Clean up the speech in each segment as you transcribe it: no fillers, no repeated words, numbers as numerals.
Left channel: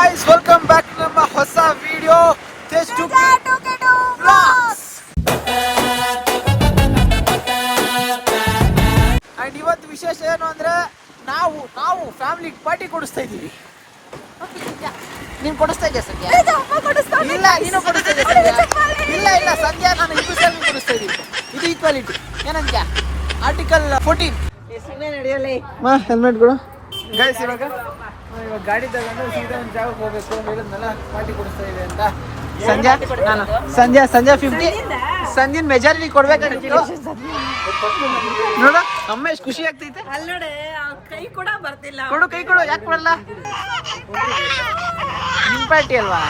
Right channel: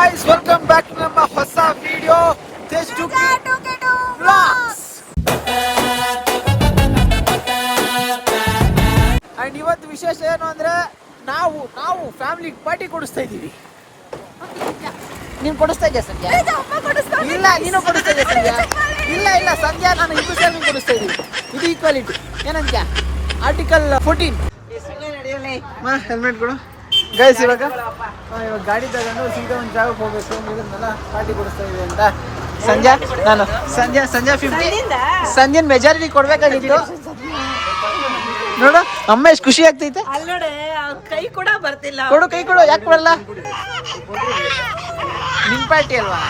guys, welcome back to ನಮ್ಮ ಹೊಸ video taste to vlogs. And ಇವತ್ತು ವಿಶೇಷ ಏನು ಅಂದ್ರೆ ನಾವು ಫ್ಯಾಮಿಲಿ ಪಾರ್ಟಿ ಕೊಡಿಸ್ತಾ ಇದ್ದೀವಿ. ನೀನು ಕೊಡಿಸ್ತಾ ಇದೆಯಾ ಸಂಧ್ಯಾ? ಇಲ್ಲ, ನೀನು ಕೊಡಿಸ್ತಾ ಇದೆಯಾ ಸಂಧ್ಯಾ? ಇಲ್ಲ ಸಂಧ್ಯಾ, ನಾನು ಇದು ಸೇರಿ ಕೊಡಿಸ್ತಾ ಇದ್ದೀವಿ. ಇದು ಈಕ್ವಾಲಿಟಿ ಏನಂತ ಆರ್ಟಿಕಲ್ 14. ಹೆಲ್ಮೆಟ್ ಕೊಡು ಗೈಸ್. ಇವಾಗ ಗಾಡಿ ತಗೊಂಡು ಸೀದಾ ಒಂದು ಜಾಗಕ್ಕೆ ಹೋಗ್ಬೇಕು. ಹೇಳಿದ್ನಲ್ಲ ಪಾರ್ಟಿ ಕೊಡಿಸ್ತಾ ಇದೆ ಅಂತ. ಸಂಜೆ 50 ಸಂಜೆ ಮೆಜಾರಿಟಿ ಕೊಡ್ಬೇಕಾಗಿತ್ತು. ನೋಡು ಅಮ್ಮ ಎಷ್ಟು ಖುಷಿ ಆಗ್ತೈತೆ. ಕೈ ಕೂಡ ಬರ್ತಿಲ್ಲ. ಕೈ ಕೊಡು. ಯಾಕೆ ಬರಲ್ಲ? ನಿಮ್ ಪಾರ್ಟಿ ಅಲ್ವಾ?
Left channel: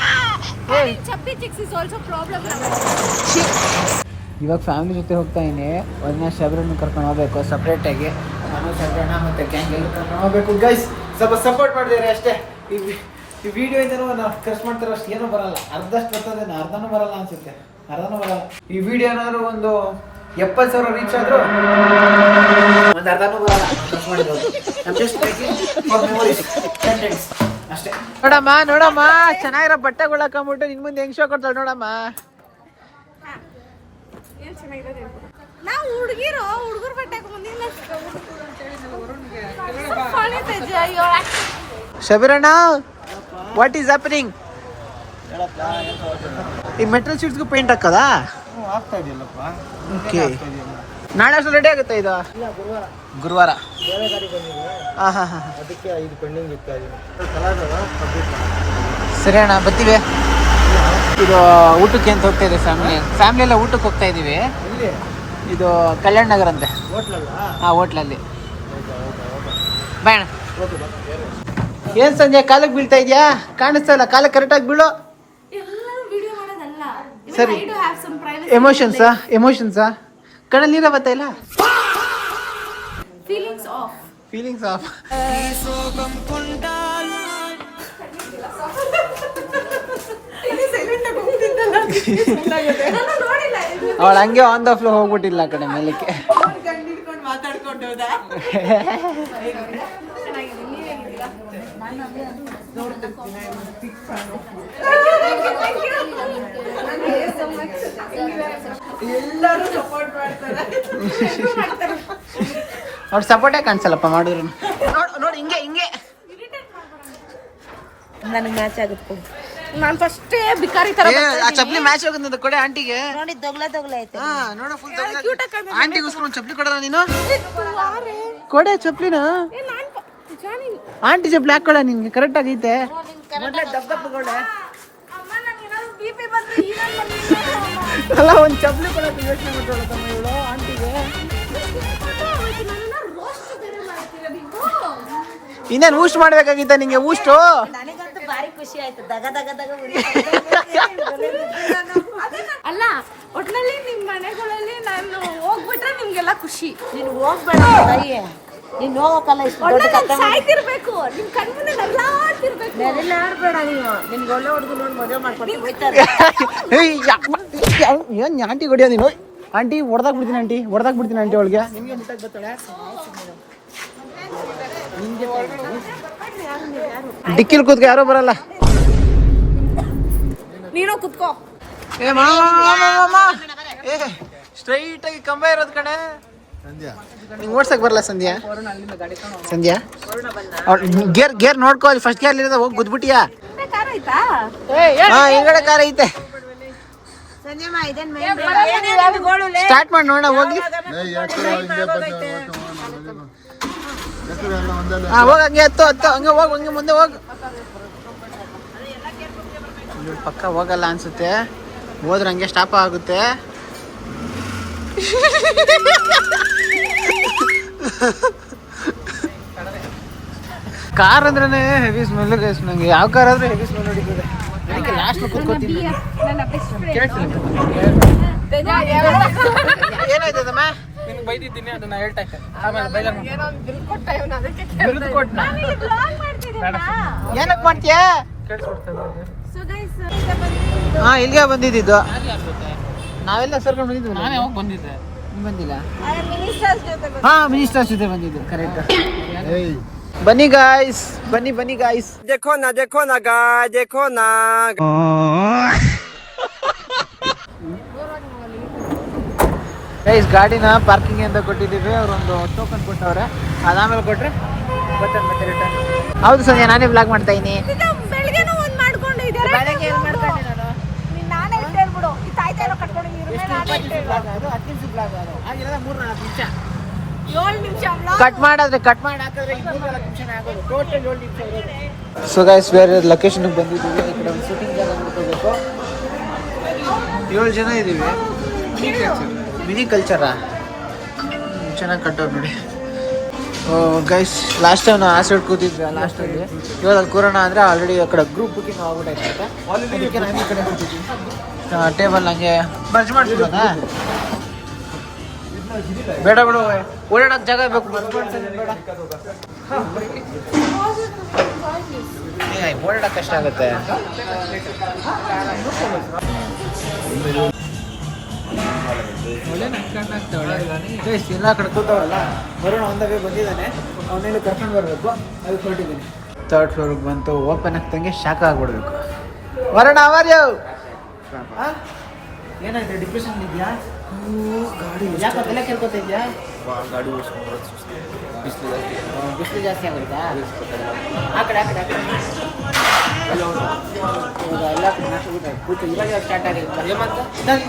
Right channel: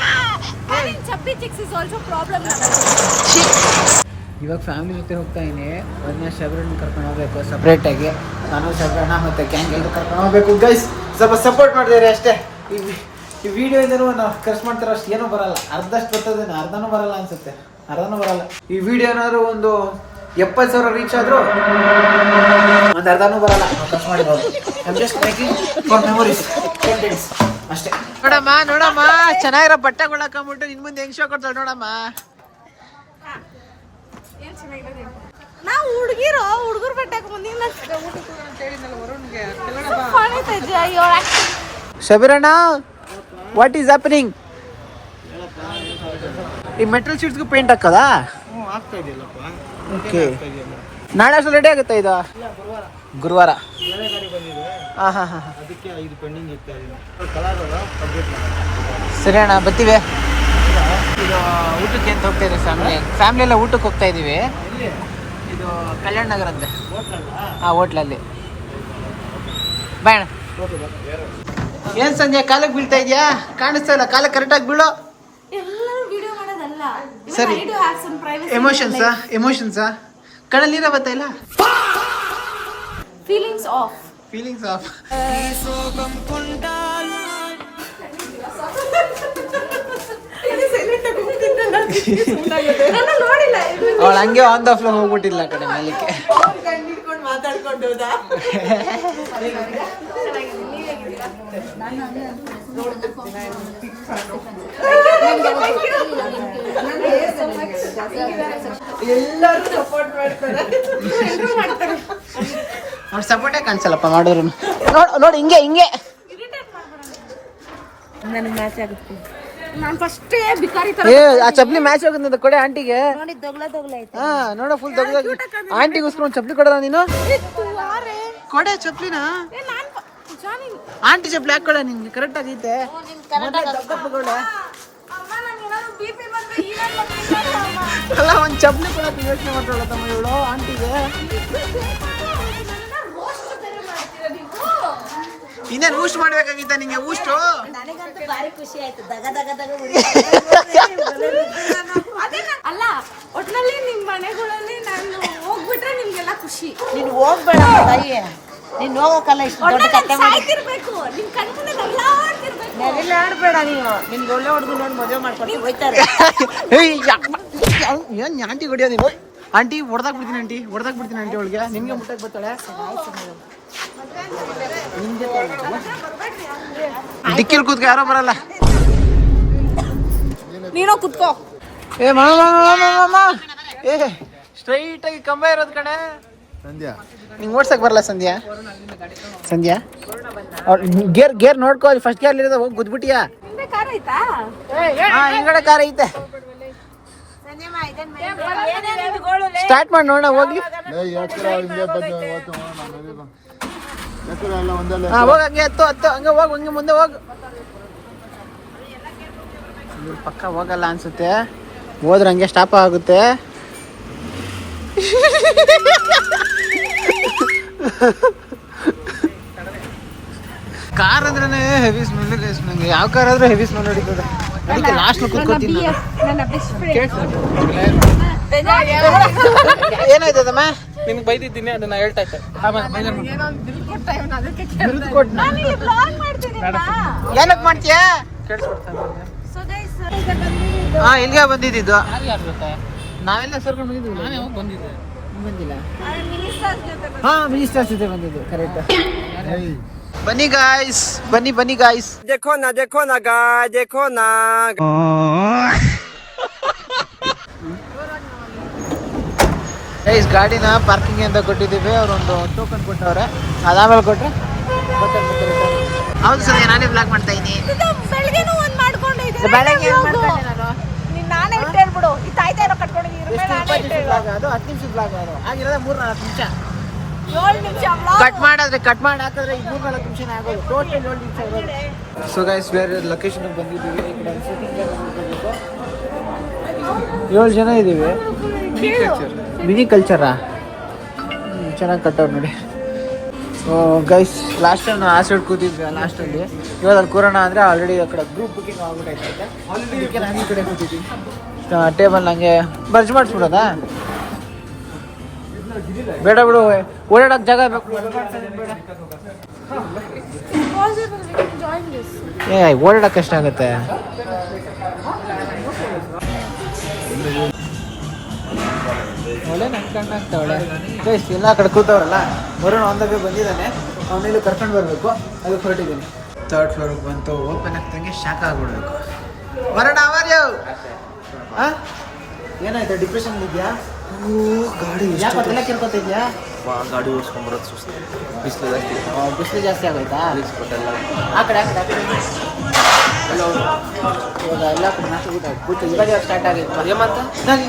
ಇವಾಗ ಫ್ಯಾಮಿಲಿ ಜೊತೆ ಹೋಗ್ತಾ ಇದೀನಿ. ಒಂದನೇ ಶಬರನ್ನು ಕರ್ಕೊಂಡು ಹೋಗ್ಬೇಕು ಸಪ್ರೇಟಾಗಿ. ನಾನು ಶಬರಣ್ಣ ಮತ್ತು ಗ್ಯಾಂಗ್ ಎಲ್ಲ ಕರ್ಕೊಂಡು ಹೋಗ್ಬೇಕು. ಗೈಸ್ ಸ್ವಲ್ಪ ಸಪೋರ್ಟ್ ಮಾಡಿದ್ರೆ ಅಷ್ಟೇ. ಈ ವಿಡಿಯೋಯಿಂದನೂ ನಾವು ಖರ್ಚು ಮಾಡ್ತಾರೋ ಅಷ್ಟು ಏನೂ ಬರಲ್ಲ. ಅರ್ಧಷ್ಟು ಬರ್ತದೇನೋ, ಅರ್ಧನೂ ಬರಲ್ಲ ಅನ್ಸುತ್ತೆ. ಈ ವಿಡಿಯೋ ಏನಾದ್ರು ಒಂದು 70,000 ರೀಚ್ ಆದರೂ ಒಂದು ಅರ್ಧನೂ ಬರಲ್ಲ. ಖರ್ಚು ಮಾಡಿರೋದು ಮೆಮೊರೀಸ್ ಕಂಟೆಂಟ್ಸ್ ಅಷ್ಟೇ. ನೋಡಮ್ಮ ಚೆನ್ನಾಗಿರೋ ಬಟ್ಟೆಗಳು ಹಾಕೊಂಡ್ಬಿಟ್ಟು ನಿನ್ ಮುಂದೆ ಹೆಂಗ್ ಶೋ ಕೊಡ್ತಾಳೆ ನೋಡಮ್ಮ. ಹುಡುಗರು ಬಟ್ಟೆ ಶಬೀರಣ್ಣ, ವಾಟ್ ಈಸ್ ಹ್ಯಾಪನಿಂಗ್? ಈ ಮೆಟಲ್ ಶೀಟ್ಸ್ಗೂ ಪೇಂಟ್ ಹಾಕದಾ? ಓಕೆ. ನಾಳೆ ಅಷ್ಟು ರೆಡಿ ಆಗುತ್ತೆ ಇದು? ಗುರುವಾರ. ಸರಿ ಅಣ್ಣ, ಬರ್ತೀವಿ. ಇದು ಊಟಕ್ಕೆ ಅಂತ ಹೋಗ್ತಾ ಇದೆ ಫ್ಯಾಮಿಲಿ ಎಲ್ಲ ಊಟಕ್ಕೆ ಹೋಗ್ತಾ ಇದೀವಿ. ಇದು ಕಲ್ಯಾಣ ನಗರ ಅಂತೆ. ಹೋಟ್ಲಲ್ಲಿ. ಬಾಯ್. ಏನ್ ಸಂಜೆ ಕಾಲಕ್ಕೆ ಬೀಳ್ತಾ ಇದೆಯಾ? ಕಾಣಿಸ್ತಾ ಇಲ್ಲ. ಕಾಲಕ್ಕೆ ಕರೆಕ್ಟಾಗಿ ಬೀಳೋ. ಸರಿ. ಎಮೋಷನ್ಸಾ ಕಣ್ಣಲ್ಲಿ ನೀರ ಬರ್ತಾ ಇಲ್ಲ. Feelings of. ಅವಳು ಹಂಗೆ ಆನ್ ದ ಫ್ಲೋ ಹೋಗ್ಬಿಟ್ಟಿಲ್ಲ ಆ ಕಡೆ ಮೇಲಕ್ಕೆ. ಅವ್ರು ಸಪೋರ್ಟೇ ಕಾಣಿಸಲ್ಲಪ್ಪ ಮಾಡಿದ್ರು. ನೋಡಿ ಹಿಂಗೆ ನನಗೆ ಮ್ಯಾಚ್ ಆಗುತ್ತೆ. ನಾನು ಫಸ್ಟ್ ಬಿಕಾರಿ ತರ ಆ ಚಪ್ಲಿ ಮ್ಯಾಚ್ ಆಗುತ್ತೆ ಕೊಡೆ ಆಂಟಿಗೆ. ನೋಡಿ ದೊಗ್ಲ ಹಾ ನೋಡ ಫುಲ್ ಆಂಟಿಗೋಸ್ಕರ ಒಂದು ಚಪ್ಲಿ ಕೊಡೋಣ ನೀನು. ಕೊಡೆ ಚಪ್ಲಿನ. ಆಂಟಿ ಚಪ್ಲಿ ಹಾಕೊಡ ನಿಂಗೆ ಕರೆಕ್ಟ್ ಆಗೈತೆ. ದಪ್ಪಗೊಳ್ಳೆ ಅಲ್ಲ, ಒಂದು ಚಪ್ಲಿ ಕೊಡೋಕೆ ಯೋಚನೆ ಮಾಡ್ತಾಳೆ ತಮ್ಮ ಇವಳು ಆಂಟಿಗೆ. ಇನ್ನೇನು ಊಸ್ಟ್ ಮಾಡ್ಬೇಕಾಗಿತ್ತ ನಿಂಗೆ? ಊಸ್ಟು ಅಲ್ಲ, ಒಟ್ನಲ್ಲಿ ನಿಮ್ ಮನೆಗಳಲ್ಲಿ ನಾನು ಹೋಗ್ಬಿಟ್ರೆ ನಿಮ್ಗೆಲ್ಲ ಖುಷಿ. ನೀನು ಹೋಗ್ಬೇಡ, ನೀನ್ ಹೋಗಕ್ಕಲ್ಲ. ಸಾಯ್ತಿರ್ಬೇಕು, ನಿಮ್ ಕಣ್ಮುಂದೆ ನಲ್ಲಾಡ್ತಿರ್ಬೇಕು. ನಲ್ಲಾಡ್ಬೇಡ ನೀವು. ನಿನ್ಗೆ ಒಳ್ಳೆ ಹುಡುಗಿ ನೋಡಿ ಮದುವೆ ಮಾಡ್ಕೊಂಡು ಹೋಯ್ತಾರೆ. ಏನ್ ಆಂಟಿ ಹೊಡಿಯೋ ನೀನು? ಆಂಟಿ ಹೊಡೆದಾಕ್ ಬಿಡ್ತೀನಿ ಆಂಟಿ ಅವಳಿಗೆ. ನಿಮ್ಗೆ ಮುಟ್ಟಕ್ಕೆ ಬರ್ತಾಳೆ. ಡಿಕ್ಕಿಲ್ ಕೂತ್ಕೊ, ಯಾರೋ ಬರಲ್ಲ. ನೀನೋ ಕುತ್ಕೋ. ಮಾಮ ಸ್ಟ್ರೈಟ್ ಆಗಿ ಕಂಬ ಇರೋದ್ ಕಡೆ. ನಿಂಗೆ ಓಡ್ಸಕ್ ಬರಲ್ಲ ಸಂಧ್ಯಾ? ಗೇರ್ ನೋಡ್ಕೋ. ಅಲ್ಲಿ ಫಸ್ಟ್ ಗೇರ್ ಇರೋದ ಹೋಗಿ ಗುದ್ಬಿಟ್ಟಿಯಾ? ಹಿಂಗಡೆ ಕಾರ್ ಐತೆ. ಸ್ಟಾರ್ಟ್ ಮಾಡಿ ನೋಡ ಹೋಗ್ಲಿ. ಹೋಗ ಹಂಗೆ ಹತ್ತು ಹಂಗೆ ಹೋಗ್, ಹಂಗೆ ಮುಂದೆ ಹೋಗ್. ಪಕ್ಕ ಹೋಗಲ್ಲ ಅನ್ಸುತ್ತೆ. ಹೋದ್ರೆ ಹಂಗೆ ಸ್ಟಾಪ್ ಆಗುತ್ತೆ. ಕಾರ್ ಅಂದ್ರೇನೆ ಹೆವಿ ಸ್ಮೆಲ್. ನಂಗೆ ಯಾವ ಕಾರ್ ಆದ್ರೂ ಹೆವಿ ಸ್ಮೆಲ್ ಹೊಡಿತದೆ. ಅದಕ್ಕೆ ಲಾಸ್ಟ್ ಕೂತ್ಕೊತೀನಿ ನಾನು. ಏನಾಯ್ತದಮ್ಮ? ನಿನ್ಗೆ ಬೈದಿದ್ದೀನಿ, ಅದನ್ನ ಹೇಳ್ತಾ ಇದ್ದೆ. ಏನಕ್ಕೆ ಮಾಡ್ತೀಯ? ಇಲ್ಲಿಗೆ ಬಂದಿದ್ದು. ನಾವೆಲ್ಲ ಕರ್ಕೊಂಡು ಬಂದಿದ್ವಿ. ನಾನು ಯಾವಾಗ ಬಂದಿದ್ದೆ? ಬಂದಿಲ್ಲ. ಮಿನಿಸ್ಟರ್ಸ್ ಜೊತೆ ಬಂದಿದ್ದು. ಕರೆಕ್ಟ್. ಬನ್ನಿ ಗಾಯ್ಸ್, ಬನ್ನಿ ಗಾಯ್ಸ್. देखो ना गाय देखो ना. ಗೈಸ್ ಗಾಡಿನ ಪಾರ್ಕಿಂಗ್ ಅಂತ ಕೊಟ್ಟಿದ್ದೀವಿ. ಅವರೊಂದು ಟೋಕನ್ ಕೊಟ್ಟವ್ರೆ, ಅದಾದ್ಮೇಲೆ ಕೊಟ್ರೆ ಮತ್ತೆ ರಿಟರ್ನ್. ಹೌದು ಸಂಧ್ಯಾ, ನಾನೇ ಬ್ಲಾಗ್ ಮಾಡ್ತಾ ಇದ್ದೀನಿ. ಬೆಳಗ್ಗೆನೂ ಒಂದ್ ಮಾಡ್ಕೊಂಡಿದ್ದೆ. ಬೆಳಗ್ಗೆ ಏನು ಮಾಡ್ಕೊಂಡೆ ನಾನು? ನಾನೇ ಹೇಳ್ಬಿಡು ಈ ತಾಯ್ತಾ ಎಲ್ಲ ಕಟ್ಕೊಂಡಿದ್ದೀರಿ. ಎಷ್ಟು 20 ನಿಮಿಷ ಬ್ಲಾಗ್ ಅದು, 10 ನಿಮಿಷ ಬ್ಲಾಗ್ ಅದು ಆಗಿರೋದೇ 3-4 ನಿಮಿಷ. 7 ನಿಮಿಷ ಕಟ್ ಮಾಡಿ ಹಾಕಿದ್ರೆ 3-4 ನಿಮಿಷನೇ ಆಗೋದು. ಟೋಟಲ್ 7 ನಿಮಿಷ ಇರೋದು. ಸೊ ಗೈಸ್, ಬೇರೆ ಲೊಕೇಶನ್ಗೆ ಬಂದಿದ್ದೀವಿ. ಈ ಕಡೆ ಒಂದು ಶೂಟಿಂಗ್ ಜಾಗ ನೋಡ್ಕೋಬೇಕು. 7 ಜನ ಇದ್ದೀವಿ. ಮಿನಿ ಕಲ್ಚರಾ ಚೆನ್ನಾಗಿ ಕಟ್ಟೋರು ನೋಡಿ. ಗೈಸ್, ಲಾಸ್ಟ್ ಟೈಮ್ ನಾವು ಆಸೈಡ್ ಕೂತಿದ್ವಿ ಲಾಸ್ಟಲ್ಲಿ. ಇವಾಗ ಅಲ್ಲಿ ಕೂರೋಣ ಅಂದರೆ ಆಲ್ರೆಡಿ ಆ ಕಡೆ ಗ್ರೂಪ್ ಬುಕಿಂಗ್ ಆಗ್ಬಿಟ್ಟೈತೆ. ಅದಕ್ಕೆ ನಾನು ಈ ಕಡೆ ಕೂತಿದ್ವಿ. ಟೇಬಲ್ ಹಂಗೆ ಬರ್ಜ್ ಮಾಡಿಸ್ಬಿಡೋದಾ? ಬೇಡ ಬಿಡು, ಓಡಾಡೋಕೆ ಜಾಗ ಬೇಕು. ಓಡಾಡೋಕೆ ಎಷ್ಟಾಗುತ್ತೆ? ಒಳ್ಳೆ ನನ್ಕಂಡು ಆಗ್ತಾವಳೆ. ಗೈಸ್, ಎಲ್ಲ ಕಡೆ ಕೂತವ್ರಲ್ಲ. ವರುಣ್ ಒಂದಾಗೆ ಬಂದಿದ್ದಾನೆ, ಅವನೆಲ್ಲೂ ಕರ್ಕೊಂಡು ಬರಬೇಕು. ಅದಕ್ಕೆ ಹೊರಟಿದ್ದೀನಿ. 3rd ಫ್ಲೋರಿಗೆ ಬಂತು. ಓಪನ್ ಆಗ್ತಂಗೆ ಶಾಕ್ ಆಗ್ಬಿಡ್ಬೇಕು. ವರುಣ ಅವರ್ಯೋ ಏನಾಯ್ತು? ಡಿಪ್ರೆಷನ್ ಇದೆಯಾ? ಯಾಕೆ ಅದೆಲ್ಲ ಕೇಳ್ಕೊತಿದ್ಯಾ? ಗಾಡಿ ಓಡಿಸ್ಕೊಂಡ್ಬರೋದು ಸುಸ್ತು, ಬಿಸಿಲು ಜಾಸ್ತಿ ಆಗೋಯ್ತಾ? ಆ ಕಡೆ ಇವಾಗ ಎಲ್ಲ ಕಡೆ ನಾಶ ಊಟ ಕೂತು ಇವಾಗ ಸ್ಟಾರ್ಟ್ ಆಗಿತ್ತು. ನಾನು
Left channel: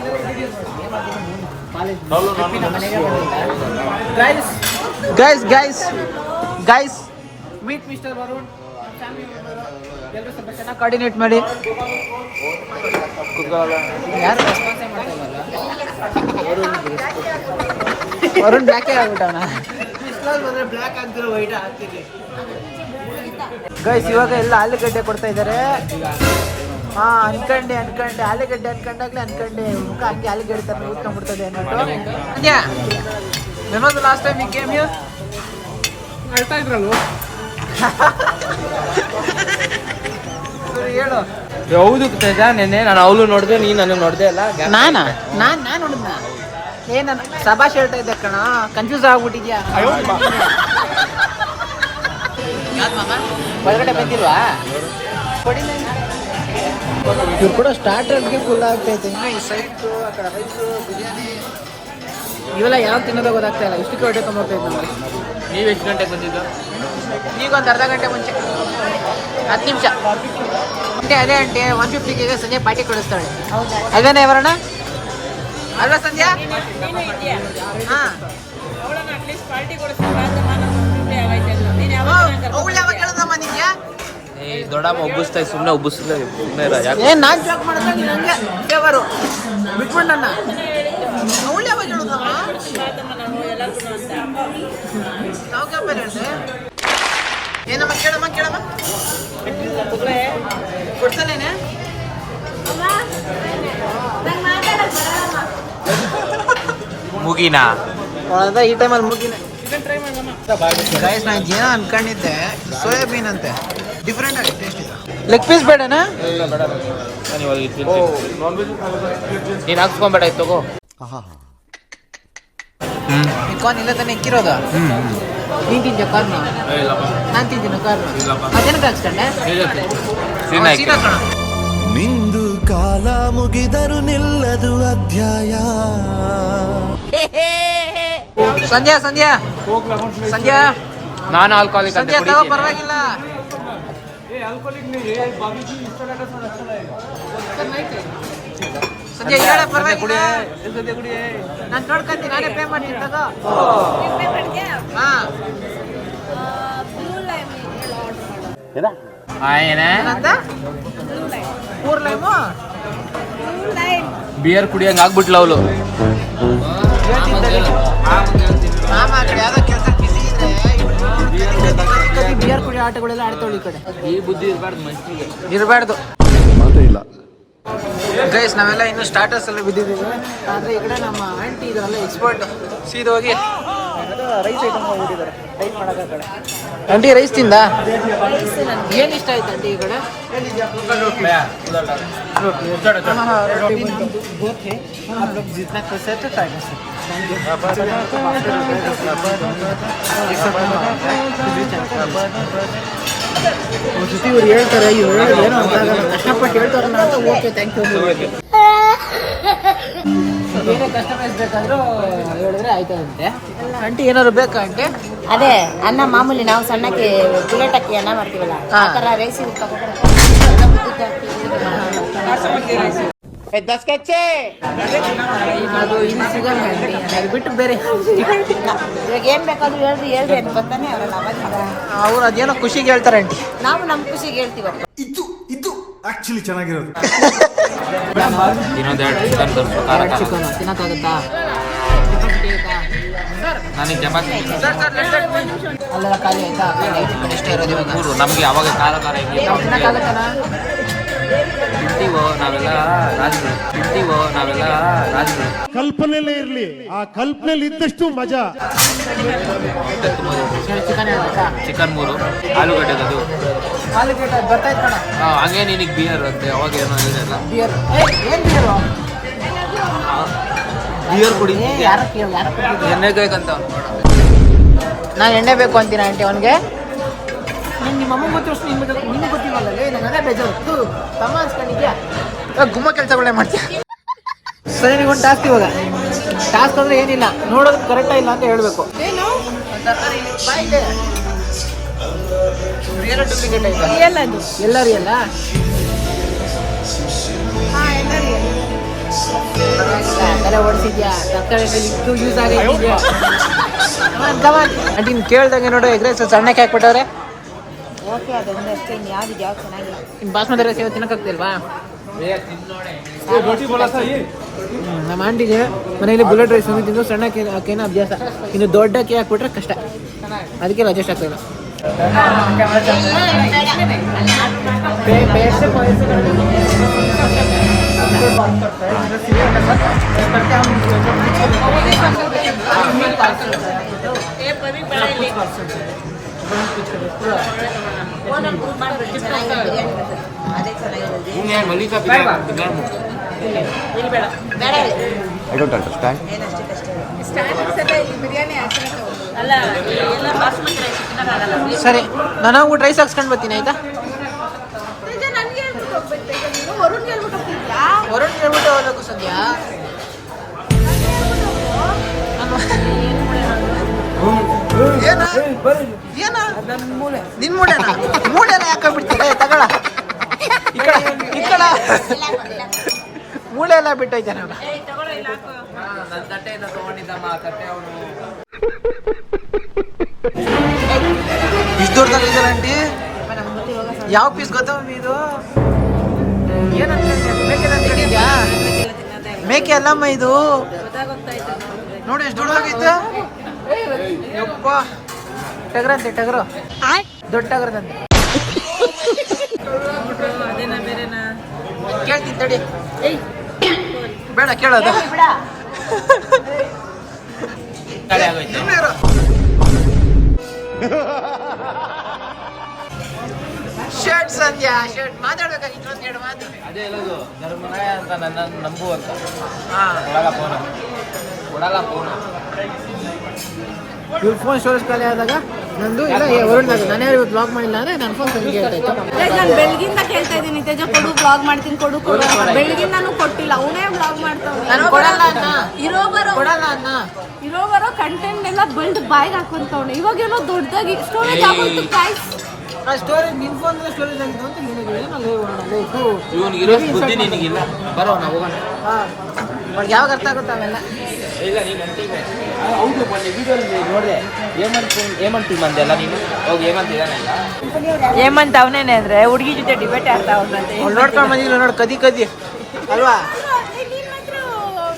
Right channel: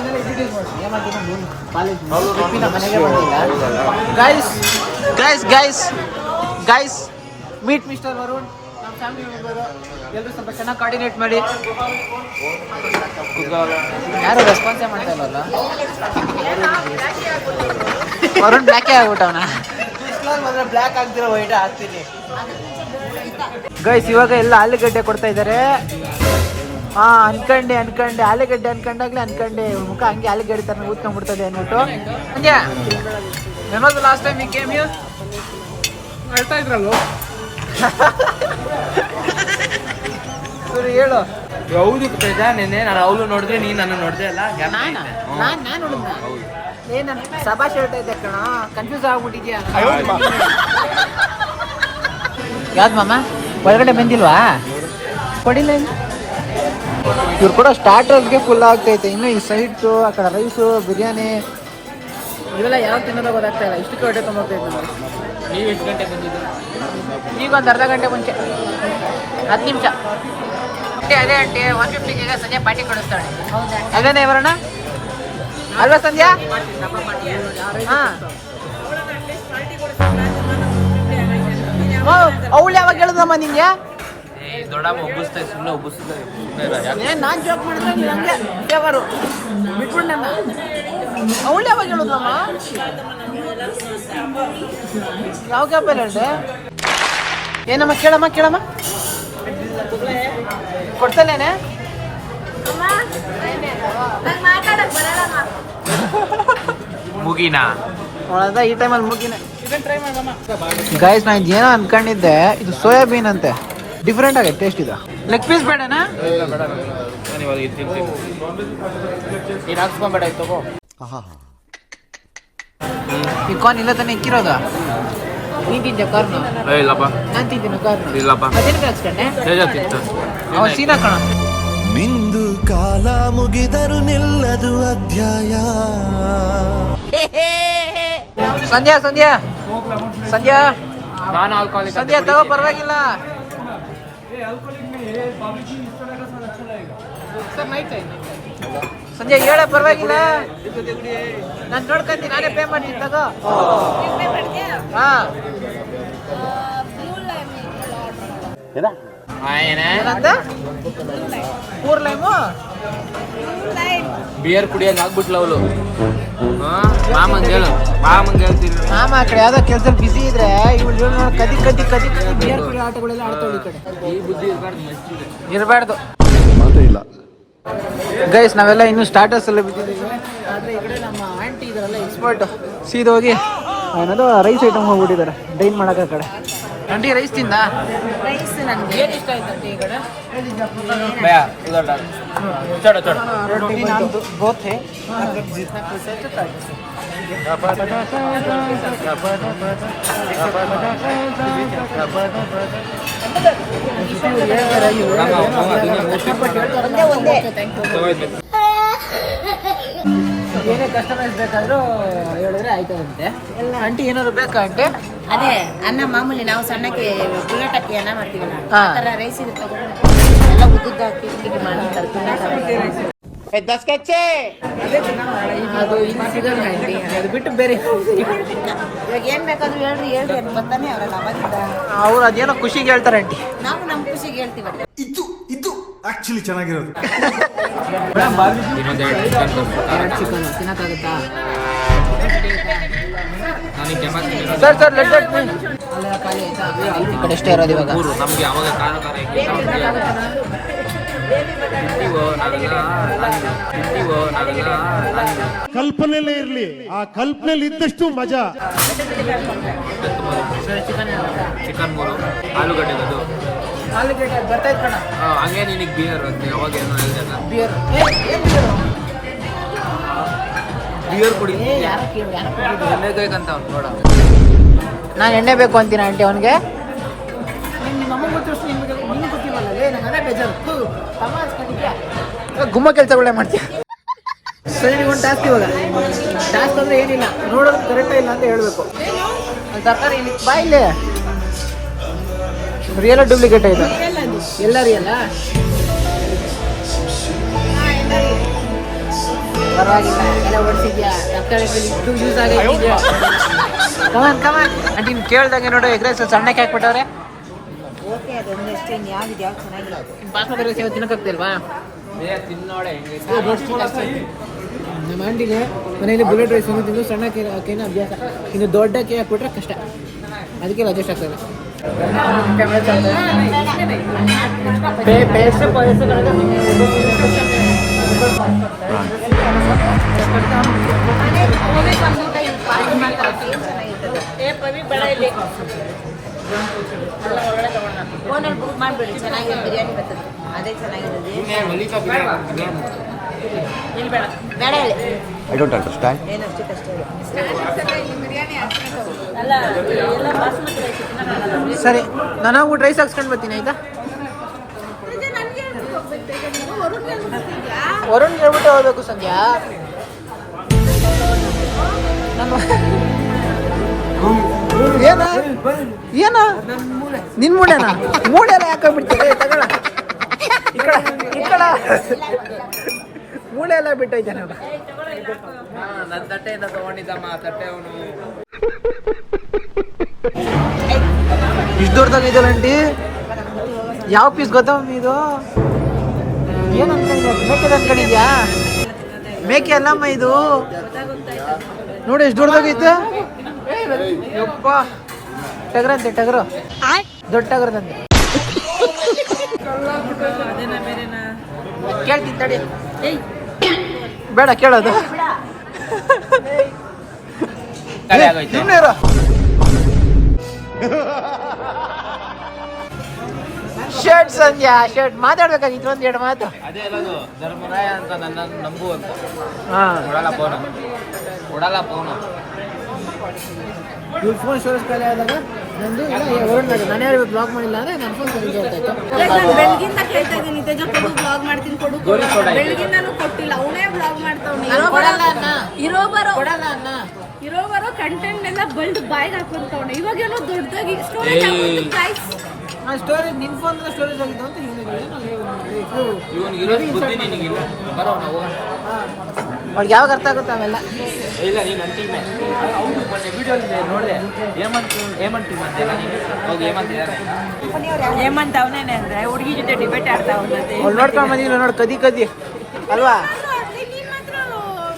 ಕಾಲೇಜ್ ಟ್ರಿಪ್ಪಿನ ಮನೆಗೆ ಬಂದಿಲ್ಲ. ಗೈಸ್ ಮೀಟ್ ಮಿಸ್ಟರ್ ವರುಣ್, ನಮ್ಮ ಫ್ಯಾಮಿಲಿ ಮೆಂಬರು. ಎಲ್ಲರೂ ಸ್ವಲ್ಪ ಚೆನ್ನಾಗಿ ಕೋಆರ್ಡಿನೇಟ್ ಮಾಡಿ. ಯಾರು ರೆಸ್ಪಾನ್ಸೇ ಮಾಡ್ತಾ ಇಲ್ಲವಲ್ಲ? ವರುಣ್ ಬ್ಲ್ಯಾಕೇ ಆಗ್ಬಿಟ್ಟವನ. ಬಂದರೆ ಬ್ಲ್ಯಾಕ್ ಆಗ್ತಿರೋ ವೈಟ್ ಆಗ್ತಿದೆ. ಗೈಸ್, ಇವಾಗ ಎಲ್ಲ ಆಲೂಗಡ್ಡೆ ಕೊಡ್ತಾ ಇದ್ದಾರೆ. ಅನ್ಕಂಡೆ ಆಲೂಗಡ್ಡೆ ಅನ್ಕಂಡೆ ಮುಖ ಹಂಗೆ ಆಲೂಗಡ್ಡೆ ತರ ಊದ್ಕೊಂಡ್ಬಿಡ್ತದೆ ಅಂದ್ಬಿಟ್ಟು. ಹಂಗೆ ಮೆಮೊಸ್ ಲಾಸ್ಟ್ ಟೈಮ್ ಈ ಗೇಮ್ ಯು ಅಳ್ತಾ ಇದ್ರಲ್ವ? ಸರಿ ಹೇಳು. ಹೌದು ತೇಜ, ನೆನ್ನೆ ನಾನು ಅವಳು ನೋಡಿದೆ, ನೀನು ನನ್ನ ನೋಡಿದೆ ಅಲ್ಲ? ನಾನು ನೋಡಿದ್ನ ಏನ ಸಭಾಷ್ ಹೇಳ್ತಾ ಇದ್ದೆ ಕಣ, ಕನ್ಫ್ಯೂಸ್ ಆಗ್ಬಿಟ್ಟಿದ್ಯಾ? ಯಾವ್ದು ಮಾಮ ಒಳಗಡೆ ಬಂದಿಲ್ವಾ? ಇವ್ರು ಕೂಡ ಸ್ಟಾರ್ಟರ್ಸ್ಗೆ ಫುಲ್ ಆಗ್ತೈತೆ. ಇನ್ನು ಈ ಸ್ವೀಟ್ಸು, ಆ ಕಡೆ ರೈಸು, ಬಿರಿಯಾನಿ ಇವೆಲ್ಲ ಯಾವಾಗ ತಿನ್ನೋದೋ ಗೊತ್ತಾಗ್ತಾ ಇಲ್ಲ. ಇಷ್ಟಕ್ಕೆ ಹೊಟ್ಟೆ ತೊಗೊಂಬೋಗ್ತಾ ಇದ್ದು ನಮಗೆ. ನೀವು ಎಷ್ಟು ಗಂಟೆಗೆ ಬಂದಿದ್ದು? ಈಗ ಒಂದು ಅರ್ಧ ಗಂಟೆ ಮುಂಚೆ, 10 ನಿಮಿಷ ಅದೇ ಅಂಟೆ. 150ಗೆ ಸಂಜೆ ಪಾರ್ಟಿ ಕೊಡಿಸ್ತಾಳೆ. ಅದೇನೇ ಬರೋಣ ಅಲ್ವಾ ಸಂಧ್ಯಾ? ಹಾಂ, ಅವಳು ಯಾವಾಗ ಹೇಳಿದಮ್ಮ ನಿಂಗೆ? ದೊಡ್ಡಮ್ಮ ಉಬ್ಬಿಸ್ತಾ ಸುಮ್ಮನೆ ಉಬ್ಬಿಸ್ತಾ. ಏನ್ ನಾನು ಜೋಕ್ ಮಾಡಿದ್ರೆ ನೀನು ಹಂಗೆ ದೇವರು ಬಿಟ್ಬಿಟ್ಟು ನನ್ನ. ಅವಳು ಯಾವಾಗ ಹೇಳುದಮ್ಮ? ಯಾವ ಕ್ಯಾಪಲ್ಲಿ ಹೇಳ್ದೆ? ಏನಮ್ಮ ಕೇಳಮ್ಮ ಕೊಡ್ತೇನೇನೆ. ಮುಗಿನಾ ಈ ಟೈಮಲ್ಲಿ ಮುಗಿನ. ಗೈಸ್, ನಾನು ಏನೋ ಅನ್ಕೊಂಡಿದ್ದೆ, ಇದು ಸೋಯಾಬೀನ್ ಅಂತೆ. ಡಿಫ್ರೆಂಟ್ ಆಗುತ್ತೆ ಟೇಸ್ಟ್. ಇದು ಲೆಗ್ ಪೀಸ್ ಬೇಡನಾ? ಹಾಕ್ಸ್ಕೊಂಬೇಡ ತಗೋ. ಈ ಕಾರ್ನ್ ಇಲ್ಲ ತಾನೇ ಇಕ್ಕಿರೋದು? ನೀನು ತಿಂತೆ ಕಾರ್ನು? ಇಲ್ಲಪ್ಪ, ನಾನು ತಿಂತೀನಿ ಕಾರ್ನು. ಇಲ್ಲಪ್ಪ, ಅದೇನಕ್ಕೆ ಹಾಕ್ಸ್ಕೊಂಡೆ? ಸೀನಾ ಕಣ. ನಿಂದು ಕಾಲ ಮುಗಿದರು ನಿಲ್ಲದು ಅಧ್ಯಾಯ. ಸಂಧ್ಯಾ ನಾನು ಆಲ್ಕೋಹಾಲಿಕ್. ಸಂಧ್ಯಾ ತಗೋ, ಪರವಾಗಿಲ್ಲ. ಸಂಧ್ಯಾ ಹೇಳ, ಪರವಾಗಿಲ್ಲ. ನಾನು ನೋಡ್ಕೊಂತೀನಿ, ನಾನೇ ಪೇ ಮಾಡ್ತೀನಿ. ತಗೋ. ಹಾಂ, ಏನಂತ? 4 ಲೈಮು ಬಿಯರ್ ಕುಡಿಯಂಗೆ ಆಗ್ಬಿಟ್ಲ ಅವಳು. ಮಾಮ ಆ ಕಡೆ ಯಾವ್ದೋ ಕೆಲಸ ಬಿಸಿ ಇದ್ರೆ ಕದಿ ಬಿಯರ್ ಕುಡಿಯೋ ಆಟಗಳೆಲ್ಲ ಆಡ್ತಾವಳಿ. ಈ ಕಡೆ ಈ ಬುದ್ಧಿ ಇರಬಾರ್ದು ಮನುಷ್ಯನಿಗೆ. ಇರಬಾರ್ದು. ಮಾತೇ ಇಲ್ಲ. ಗೈಸ್, ನಾವೆಲ್ಲ ಇನ್ನೂ ಸ್ಟಾರ್ಟರ್ಸ್ ಎಲ್ಲ ಬಿದ್ದಿದ್ದೀವಿ. ಆದರೆ ಈ ಕಡೆ ನಮ್ಮ ಆಂಟಿ ಇದಾರಲ್ಲ, ಎಕ್ಸ್ಪರ್ಟ್ ಸೀದೋಗಿ ಏನದು ರೈಸ್ ಐಟಮ್ ಹೋಗ್ಬಿಟ್ಟಿದ್ದಾರೆ ಡೈನ್ ಮಾಡೋಕೆ ಕಡೆ. ಆಂಟಿ ರೈಸ್ ತಿಂದ ರೈಸ್ ನನಗೆ ಏನು ಇಷ್ಟ ಆಯ್ತು ಆಂಟಿ ಈ ಕಡೆ ಬೋತೆ ಜೊತೆ ಇವ್ರು ಹೇಳ್ತಾರೆ ಇವ್ರು ಹೇಳೋದು ಏನೋ ಅರ್ಥ ಆಗಲ್ಲ ಕಷ್ಟಪಟ್ಟು ಹೇಳ್ತಾರಲ್ಲ ಅಂತ ಓಕೆ ಥ್ಯಾಂಕ್ ಯು ಏನೇ ಕಸ್ಟಮೈಸ್ ಬೇಕಾದರೂ ಹೇಳಿದ್ರೆ ಆಯ್ತದಂತೆ. ಆಂಟಿ ಏನಾದ್ರು ಬೇಕಾ ಆಂಟಿ? ಅದೇ ಅನ್ನ ಮಾಮೂಲಿ ನಾವು ಸಣ್ಣಕ್ಕೆ ಬುಲೆಟ್ ಹಾಕಿ ಅನ್ನ ಮಾಡ್ತೀವಲ್ಲ ಹಾ. ಆ ಥರ ರೈಸ್ ತಗೊಂಡು ಎಲ್ಲ ಉದ್ದಿದ್ದು ಹಾಕಿ ಅದು ಇಲ್ಲಿ ಸಿಗಲ್ಲ ಆಂಟಿ, ಅದು ಬಿಟ್ಟು ಬೇರೆ ಇವಾಗ ಏನ್ ಬೇಕಾದ್ರೂ ಹೇಳ್ರಿ ಅಂತ ಬರ್ತಾನೆ ಅವರಲ್ಲ ಅವಾಗಿಂದ. ಅವ್ರು ಅದೇನೋ ಖುಷಿಗೆ ಹೇಳ್ತಾರೆ ಆಂಟಿ. ನಾವು ನಮ್ಮ ಖುಷಿಗೆ ಹೇಳ್ತೀವಲ್ಲ. ಇದು ಆಕ್ಚುಲಿ ಚೆನ್ನಾಗಿರೋದು. ಇನ್ನೊಂದು 2 ಚಿಕನ್ ತೋರಿಸು ಚಿಕನ್ ತಿನ್ನಕ್ಕಾಗತ್ತಾ? ನನಗೆ ಚಪಾತಿ ಸರ್ ಅಲ್ಲೆಲ್ಲ ಖಾಲಿ ಆಯ್ತಾ? ಕಡೆ ಇಷ್ಟ ಇರೋದು ಇವಾಗ 3 ನಮಗೆ ಅವಾಗ ಖಾರ ಇರಲಿ ತಿನ್ನಕ್ಕಾಗತ್ತಾನ? ತಿಂತೀವೋ ನಾವೆಲ್ಲ ರಾಜರು ಕಲ್ಪನೆಲೇ ಇರ್ಲಿ, ಆ ಕಲ್ಪನೆಲಿ ಇದ್ದಷ್ಟು ಮಜಾ. ಚಿಕನ್ ಹೇಳ್ಬೇಕಾ? ಚಿಕನ್ 3 ಆಲೂಗಡ್ಡೆದು ಆಲೂಗಡ್ಡೆ ಬರ್ತಾ ಇತ್ತು ಕಣ. ಹಂಗೆ ನಿನಗೆ ಬಿಯರ್ ಅಂತೆ ಅವಾಗ ಏನೋ ಹೇಳಿದಲ್ಲ ಬಿಯರ್ ಏನು ಬಿಯರು? ಬಿಯರ್ ಕುಡಿ ಯಾರು ಕುಡಿದ್ರು? ಎಣ್ಣೆಕಾಯ್ಕಂತ ಅವ್ನು ನೋಡ ನಾನು ಎಣ್ಣೆ ಬೇಕು ಅಂತೀನಿ ಆಂಟಿ ಅವನಿಗೆ. ನಿಮ್ಮ ಅಮ್ಮ ಗೊತ್ತಿರೋಷ್ಟು ನಿಮ್ಗೆ ಗೊತ್ತಿಲ್ಲಲ್ಲ ನಂಗೆ ಅದೇ ಬೇಜಾರು. ತಮ್ಮ ಅನ್ಸ್ಕೊಂಡಿದ್ಯಾ? ಗುಮ್ಮ ಕೆಲಸಗಳೇ ಮಾಡ್ತೀಯ. ಸರಿ ನಿಗೊಂದು ಟಾಸ್ಕ್ ಇವಾಗ. ಟಾಸ್ಕ್ ಅಂದರೆ ಏನಿಲ್ಲ, ನೋಡೋದು ಕರೆಕ್ಟಾ ಇಲ್ಲ ಅಂತ ಹೇಳಬೇಕು. ತರಕಾರಿ ಬಾಯಿಲೆ ರಿಯಲ್ ಡೂಪ್ಲಿಕೇಟ್ ಇದು ಎಲ್ಲ ರಿಯಲ್ಲ? ಪರವಾಗಿಲ್ಲ, ತಲೆ ಓಡಿಸಿದ್ಯಾ? ತರಕಾರಿ ಇದು ಯೂಸ್ ಆಗಿದ್ಯಾ? ಕಮಾನ್ ಆಂಟಿ ನೀನು ಕೇಳ್ದಂಗೆ ನೋಡು ಎಗ್ ರೈಸ್ ಸಣ್ಣಕ್ಕೆ ಹಾಕ್ಬಿಟ್ಟವ್ರೆ. ಓಕೆ ಅದೊಂದು ಅಷ್ಟೇ, ಇನ್ನು ಯಾವ್ದು ಚೆನ್ನಾಗಿದೆ. ಇನ್ನು ಬಾಸ್ಮತಿ ರೈಸ್ ಇವತ್ತು ತಿನ್ನಕ್ಕಾಗ್ತಿಲ್ವಾ? ನಮ್ಮ ಆಂಟಿಗೆ ಮನೆಯಲ್ಲಿ ಬುಲೆಟ್ ರೈಸ್ ಒಂದು ತಿಂದು ಸಣ್ಣಕ್ಕೆ ಹಾಕೇನೋ ಅಭ್ಯಾಸ, ಇನ್ನು ದೊಡ್ಡಕ್ಕೆ ಹಾಕ್ಬಿಟ್ರೆ ಕಷ್ಟ, ಅದಕ್ಕೆ ಅಡ್ಜಸ್ಟ್ ಆಗ್ತದೆ. I don't understand. ಸರಿ, ನಾನು ಹೋಗ್ಬಿಟ್ಟು ರೈಸ್ ಹಾಕ್ಸ್ಕೊಂಡು ಬರ್ತೀನಿ ಆಯ್ತಾ? ವರುಣ್ ಹೇಳ್ಬಿಟ್ಟು ಹೋಗ್ಬೇಕು ಸಂಧ್ಯಾ. ಏನ ನಿನ್ ಮೂಳೆನ? ಮೂಳೆ ಎಲ್ಲ ಯಾಕಾಗ್ಬಿಡ್ತೀರ? ತಗೊಳ ಈ ಕಡ ಮೂಳೆ ಎಲ್ಲ ಬಿಟ್ಟೈತೆ ನಾವು. ನನ್ನ ತಟ್ಟೆಯಿಂದ ತಗೊಂಡಿದ್ದಮ್ಮ ತಟ್ಟೆ ಅವನು ಇಷ್ಟು ದೊಡ್ಡದಾಗ ಇದೆಯಲ್ಲ ಆಂಟಿ. ಯಾವ ಪೀಸ್ ಗೊತ್ತಾ ಮಮ್ಮಿ ಇದು? ಏನು ಅನ್ಕೊಂಡಿದ್ಯಾ? ಮೇಕೆದ ಅನ್ಕೊಂಡಿದ್ಯಾ? ಮೇಕೆ ಅಲ್ಲಮ್ಮ ಇದು, ನೋಡಿ ಎಷ್ಟು ದೊಡ್ಡದಾಗಿತ್ತು. ಯಪ್ಪ ಟಗರಂತೆ, ಟಗರು ದೊಡ್ಡ ಟಗರದಂತೆ. ಕೇಳ್ತೀನಿ ತಡಿ. ಬೇಡ ಕೇಳೋದು. ಶರ್ಟ್ ಸಂಧ್ಯಾ, ಶರ್ಟ್ ಮಾತಾಡ್ಬೇಕಾದ್ರೆ ಇನ್ನೊಂದು 2 ಮಾತು. ಅದೇ ಹೇಳೋದು ಧರ್ಮರಾಯ ಅಂತ ನನ್ನ ನಂಬು ಅಂತ. ಹಾಂ, ನೋಡಲ್ಲ ಫೋನ್ ಇವ್ರ ಫೋನ್ ಸ್ಟೋರೇಜ್ ಖಾಲಿ ಆದಾಗ ನಂದು ಇಲ್ಲ ವರುಣ್ ನಾನೇ ಇವತ್ತು ಬ್ಲಾಗ್ ಮಾಡಿಲ್ಲ ಅಂದರೆ ನನ್ನ ಫೋನ್ ಸಂಖ್ಯೆ ಹೇಳ್ತಾಯಿತ್ತು. ನಾನು ಬೆಳಗಿಂದ ಕೇಳ್ತಾ ಇದ್ದೀನಿ ತೇಜ ಕೊಡು ಬ್ಲಾಗ್ ಮಾಡ್ತೀನಿ ಕೊಡು ಬೆಳಗಿಂದಾನು ಕೊಟ್ಟಿಲ್ಲ. ಅವನೇ ಬ್ಲಾಗ್ ಮಾಡ್ತಾವ್ನಿ. ಕೊಡಲ್ಲ ಅನ್ನ, ಇರೋ ಬರೋ ಕೊಡಲ್ಲ ಅನ್ನ. ಇರೋ ಬರೋ ಕಂಟೆಂಟ್ ಎಲ್ಲ ಬಲ್ಡ್ ಬಾಯ್ಗೆ ಹಾಕೊಂತವನೆ. ಇವಾಗೇನೋ ದೊಡ್ಡದಾಗಿ ಸ್ಟೋರೇಜ್ ಹಾಕೊಂತು ಗಾಯ್ಸ್. ಆ ಸ್ಟೋರೇಜ್ ನಿನ್ನ ಫೋನ್ ಸ್ಟೋರೇಜ್ ಆಗಿದ್ದು ಅಂತ ಹೇಳಿದ್ರು. ಇವನಿಗಿರೋ ಬುದ್ಧಿ ನಿನಗಿಲ್ಲ. ಬರೋ ನಾವು ಅವ್ಳಿಗೆ ಯಾವಾಗ ಅರ್ಥ ಆಗುತ್ತೆ ಅವೆಲ್ಲ. ಇಲ್ಲ ನೀನು ಅಂತೀವಿ ಹೌದು. ಮೊನ್ನೆ ವಿಡಿಯೋಲ್ಲಿ ನೋಡಿದೆ ಹೇಮಂತ್ ಟೀಮ್ ಅಂತೆಲ್ಲ ನೀನು ಹೋಗಿ ಹೇಮಂತ್ ಇದ್ದಾನೆ. ಹೇಮಂತ್ ಅವನೇನೆ ಅಂದ್ರೆ ಹುಡುಗಿ ಜೊತೆ ಡಿಬೇಟ್ ಆಡ್ತಾ ಅವನಂತೆ. ಅವ್ಳು ನೋಡ್ಕೊಂಡು ಬಂದಿಲ್ಲ ನೋಡಿ, ಕದಿ ಅಲ್ವಾ?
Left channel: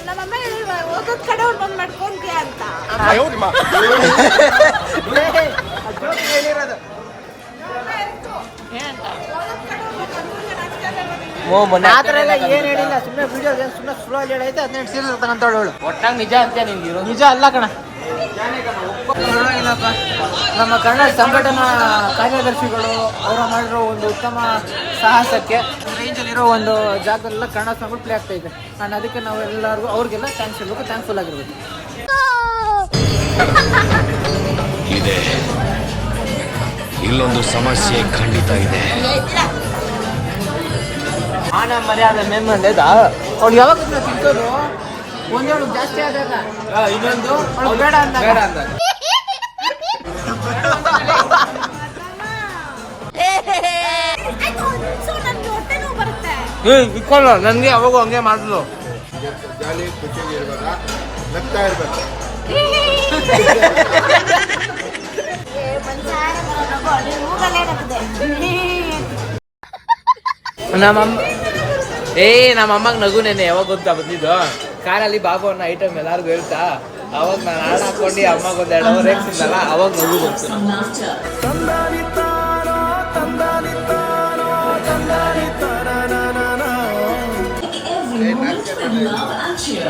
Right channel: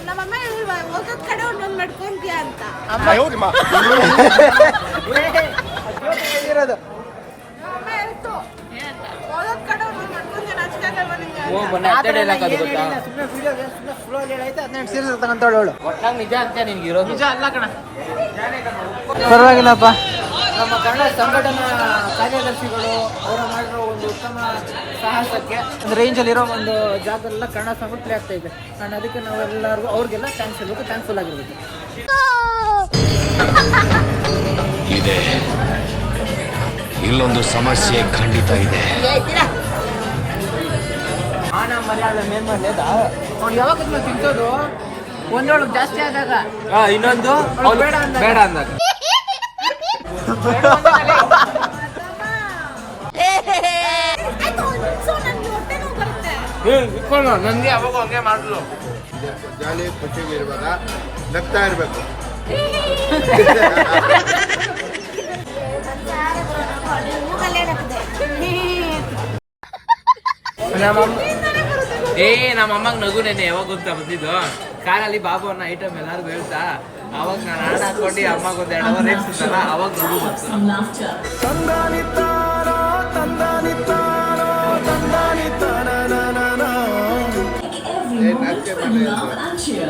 ನಮ್ಮಮ್ಮ ಹೇಳಿಲ್ವಾ ಹೋಗೋದ್ ಕಡೆ ಒಂದೊಂದು ನಡ್ಕೊಂತೀಯ ಅಂತ. ಹೇಳಿರೋದು ಮೊನ್ನೆ ಆ ಥರ ಎಲ್ಲ ಗೊತ್ತಾ? ಏನೇನಿಲ್ಲ, ಸುಮ್ಮನೆ ವಿಡಿಯೋಗೆ ಸುಮ್ಮನೆ ಸ್ಲೋ ಅಲ್ಲಿ ಹೇಳೈತೆ 18 ಸೀರಿಯಲ್ ತಗೊಂತಾಳು ಅವಳು. ಒಟ್ನಾಗ ನಿಜ ಅಂತ ನಿನ್ಗೆ ಇರೋದು. ನಿಜ ಅಲ್ಲ ಕಣ, ಪರವಾಗಿಲ್ಲಪ್ಪ. ನಮ್ಮ ಕನ್ನಡ ಸಂಘಟನಾ ಕಾರ್ಯದರ್ಶಿಗಳು ಅವರು ಮಾಡಿರೋ ಒಂದು ಉತ್ತಮ ಸಾಹಸಕ್ಕೆ ಒಂದು ರೇಂಜಲ್ಲಿರೋ ಒಂದು ಜಾಗದಲ್ಲೆಲ್ಲ ಕನ್ನಡ ಸಾಂಗ್ ಪ್ಲೇ ಆಗ್ತಾ ಇದೆ. ನಾನು ಅದಕ್ಕೆ ನಾವೆಲ್ಲರಿಗೂ ಅವ್ರಿಗೆಲ್ಲ ಥ್ಯಾಂಕ್ಸ್ ಹೇಳ್ಬೇಕು, ಥ್ಯಾಂಕ್ಫುಲ್ ಆಗಿರ್ಬೇಕು. ಇದೆ, ಇಲ್ಲೊಂದು ಸಮಸ್ಯೆ ಖಂಡಿತ ಇದೆ. ಮಾನ ಮರ್ಯಾದೆ ಮೇಮ್ಮಂದೆ ಅವ್ಳು ಯಾವಾಗ ತಿಂತೋದು, ಒಂದೊಳು ಜಾಸ್ತಿ ಆದಾಗ, ಇನ್ನೊಂದು ಅವ್ಳು ಬೇಡ ಅಂದಾಗ. ಬೇಡ ಅಂದಾಗ ನನ್ಗೆ ಹೊಟ್ಟೆ ನೋವು ಬರುತ್ತೆ. ಇಟ್ಕೊಳ್ಳ ನನಗೆ ಅವಾಗ ಹಂಗೆ ಮಾಡಿದ್ಲು. ಜಾಲಿ ಖುಷಿಗೆ ಇರ್ಬೇಕ, ನಗ್ತಾ ಇರ್ಬೇಕು. ನಮ್ಮಮ್ಮಗ್ ನಗು ನೆನೆ ಯಾವಾಗ ಗೊತ್ತಾ ಬಂದಿದ್ದು, ಕಾರಲ್ಲಿ ಬಾಬು ಅನ್ನೋ ಐಟಮ್ ಎಲ್ಲಾರ್ಗು ಹೇಳ್ತಾ, ಅವಾಗ ನಾನು ಹಣ ಹಾಕೊಂಡು ಅಮ್ಮಗೆ ಒಂದು 2 ಅವರ್ ರೇಟ್ಸಿದ್ದಲ್ಲ, ಅವಾಗ ನಗು ಬಂತು.